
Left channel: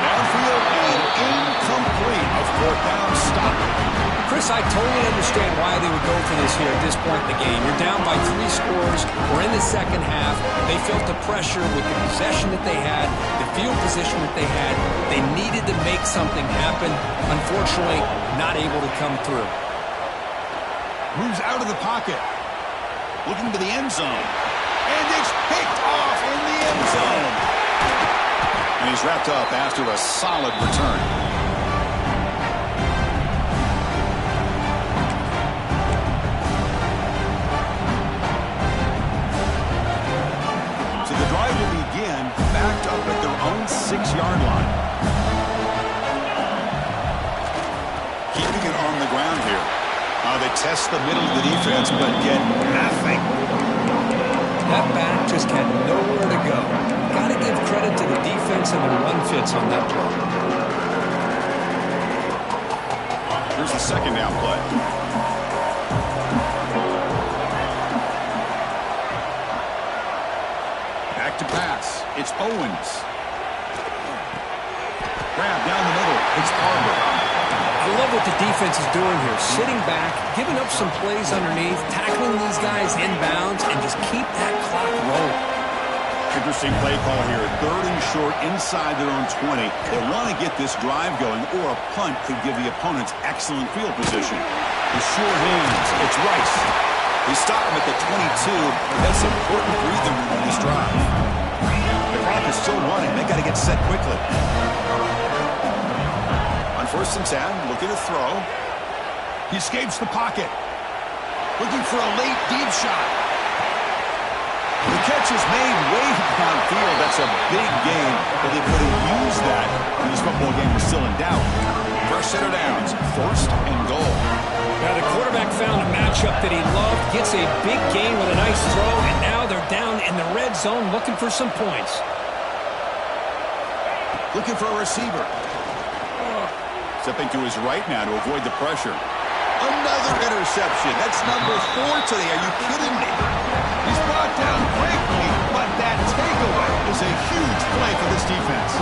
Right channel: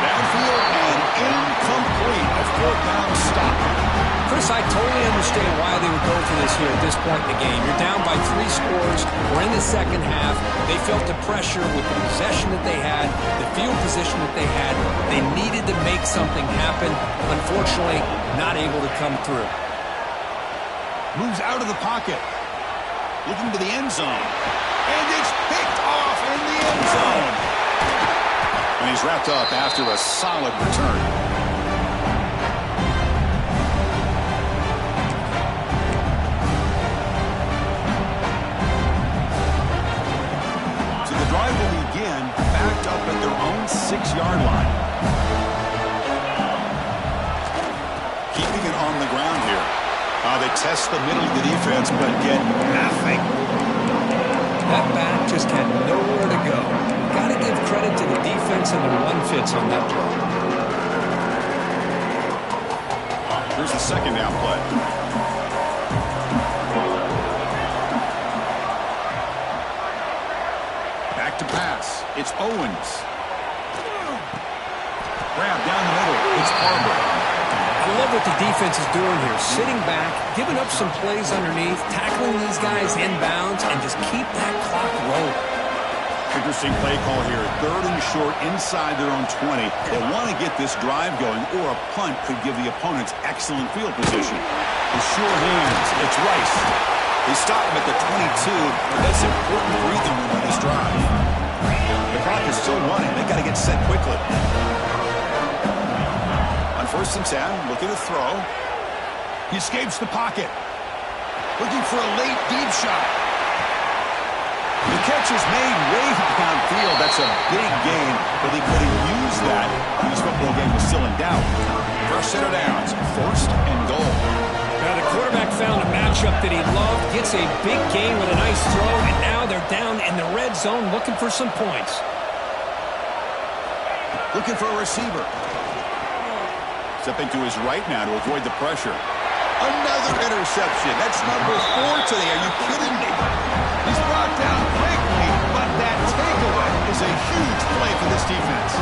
Downfield and incomplete. A fourth down stop. Chris, I totally understand why they would go for this here at this point in the game. You're down by 3 scores. We're in the second half. They felt the pressure with the possession that they had, the field position that they had. They needed to make something happen. Unfortunately, not able to come through. Moves out of the pocket. Looking to the end zone. And it's picked off in the end zone. And he's wrapped up after a solid return. So the drive will begin backed up at their own 6-yard line. Keeping it on the ground here. They test the middle of the defense, but get nothing. That back just had nowhere to go. Got to give credit to the defense and the run fits on that play. Here's the second down play. Back to pass. It's Owens. Grab down the middle. It's Harbor. I love what the defense is doing here. Sitting back, giving up some plays underneath, tackling these guys inbounds, and just keep that clock rolling. Interesting play call here. Third and short inside their own 20. They want to get this drive going, or a punt could give the opponents excellent field position. With sure hands, it's Rice. They stop him at the 22, but that's important breathing room on this drive. The clock is still running. They got to get set quickly. On 1st and 10, looking to throw. He escapes the pocket. Looking for a late deep shot. The catch is made way downfield. That's a big gain, but they could have used that when this football game was still in doubt. First set of downs, 1st and goal. Now the quarterback found a matchup that he loved, gets a big gain with a nice throw, and now they're down in the red zone looking for some points. Looking for a receiver. Stepping to his right now to avoid the pressure. Another interception. That's number 4 today. Are you kidding me? He's brought down quickly, but that takeaway is a huge play for this defense.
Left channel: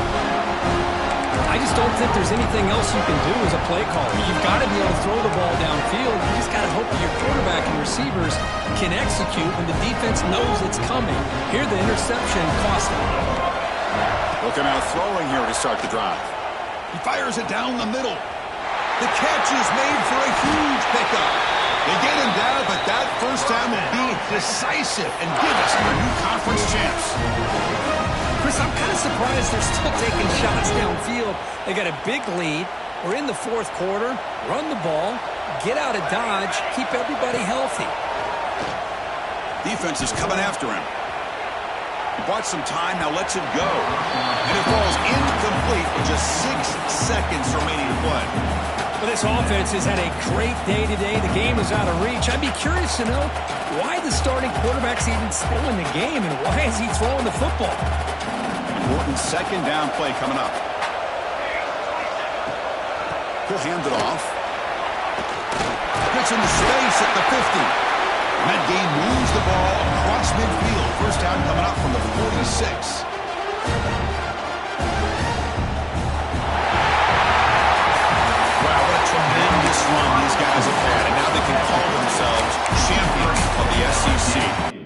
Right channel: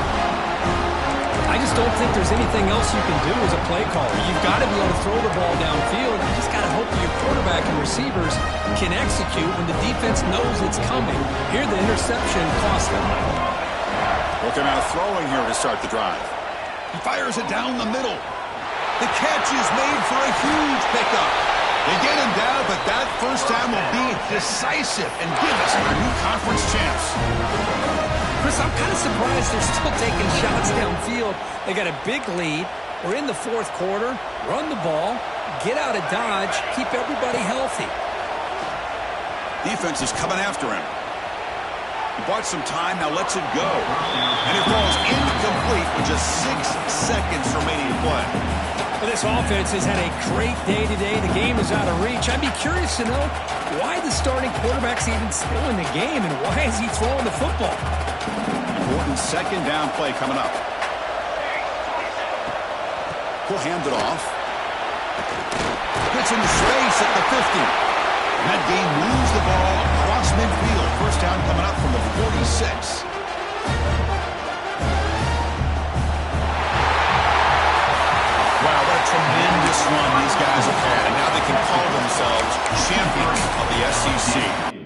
I just don't think there's anything else you can do as a play caller. You've got to be able to throw the ball downfield. You just got to hope that your quarterback and receivers can execute when the defense knows it's coming. Here, the interception cost them. Looking out throwing here to start the drive. He fires it down the middle. The catch is made for a huge pickup. They get him down, but that first time will be decisive and give us our new conference champs. Chris, I'm kind of surprised they're still taking shots downfield. They got a big lead. We're in the fourth quarter. Run the ball, get out of Dodge, keep everybody healthy. Defense is coming after him. He bought some time, now lets it go. And it falls incomplete with just 6 seconds remaining to play. Well, this offense has had a great day today. The game is out of reach. I'd be curious to know why the starting quarterback's even still in the game and why is he throwing the football? Important second down play coming up. He'll hand it off. Gets into space at the 50. And that game moves the ball across midfield. First down coming up from the 46. Wow, what a tremendous run these guys have had. And now they can call themselves champions of the SEC.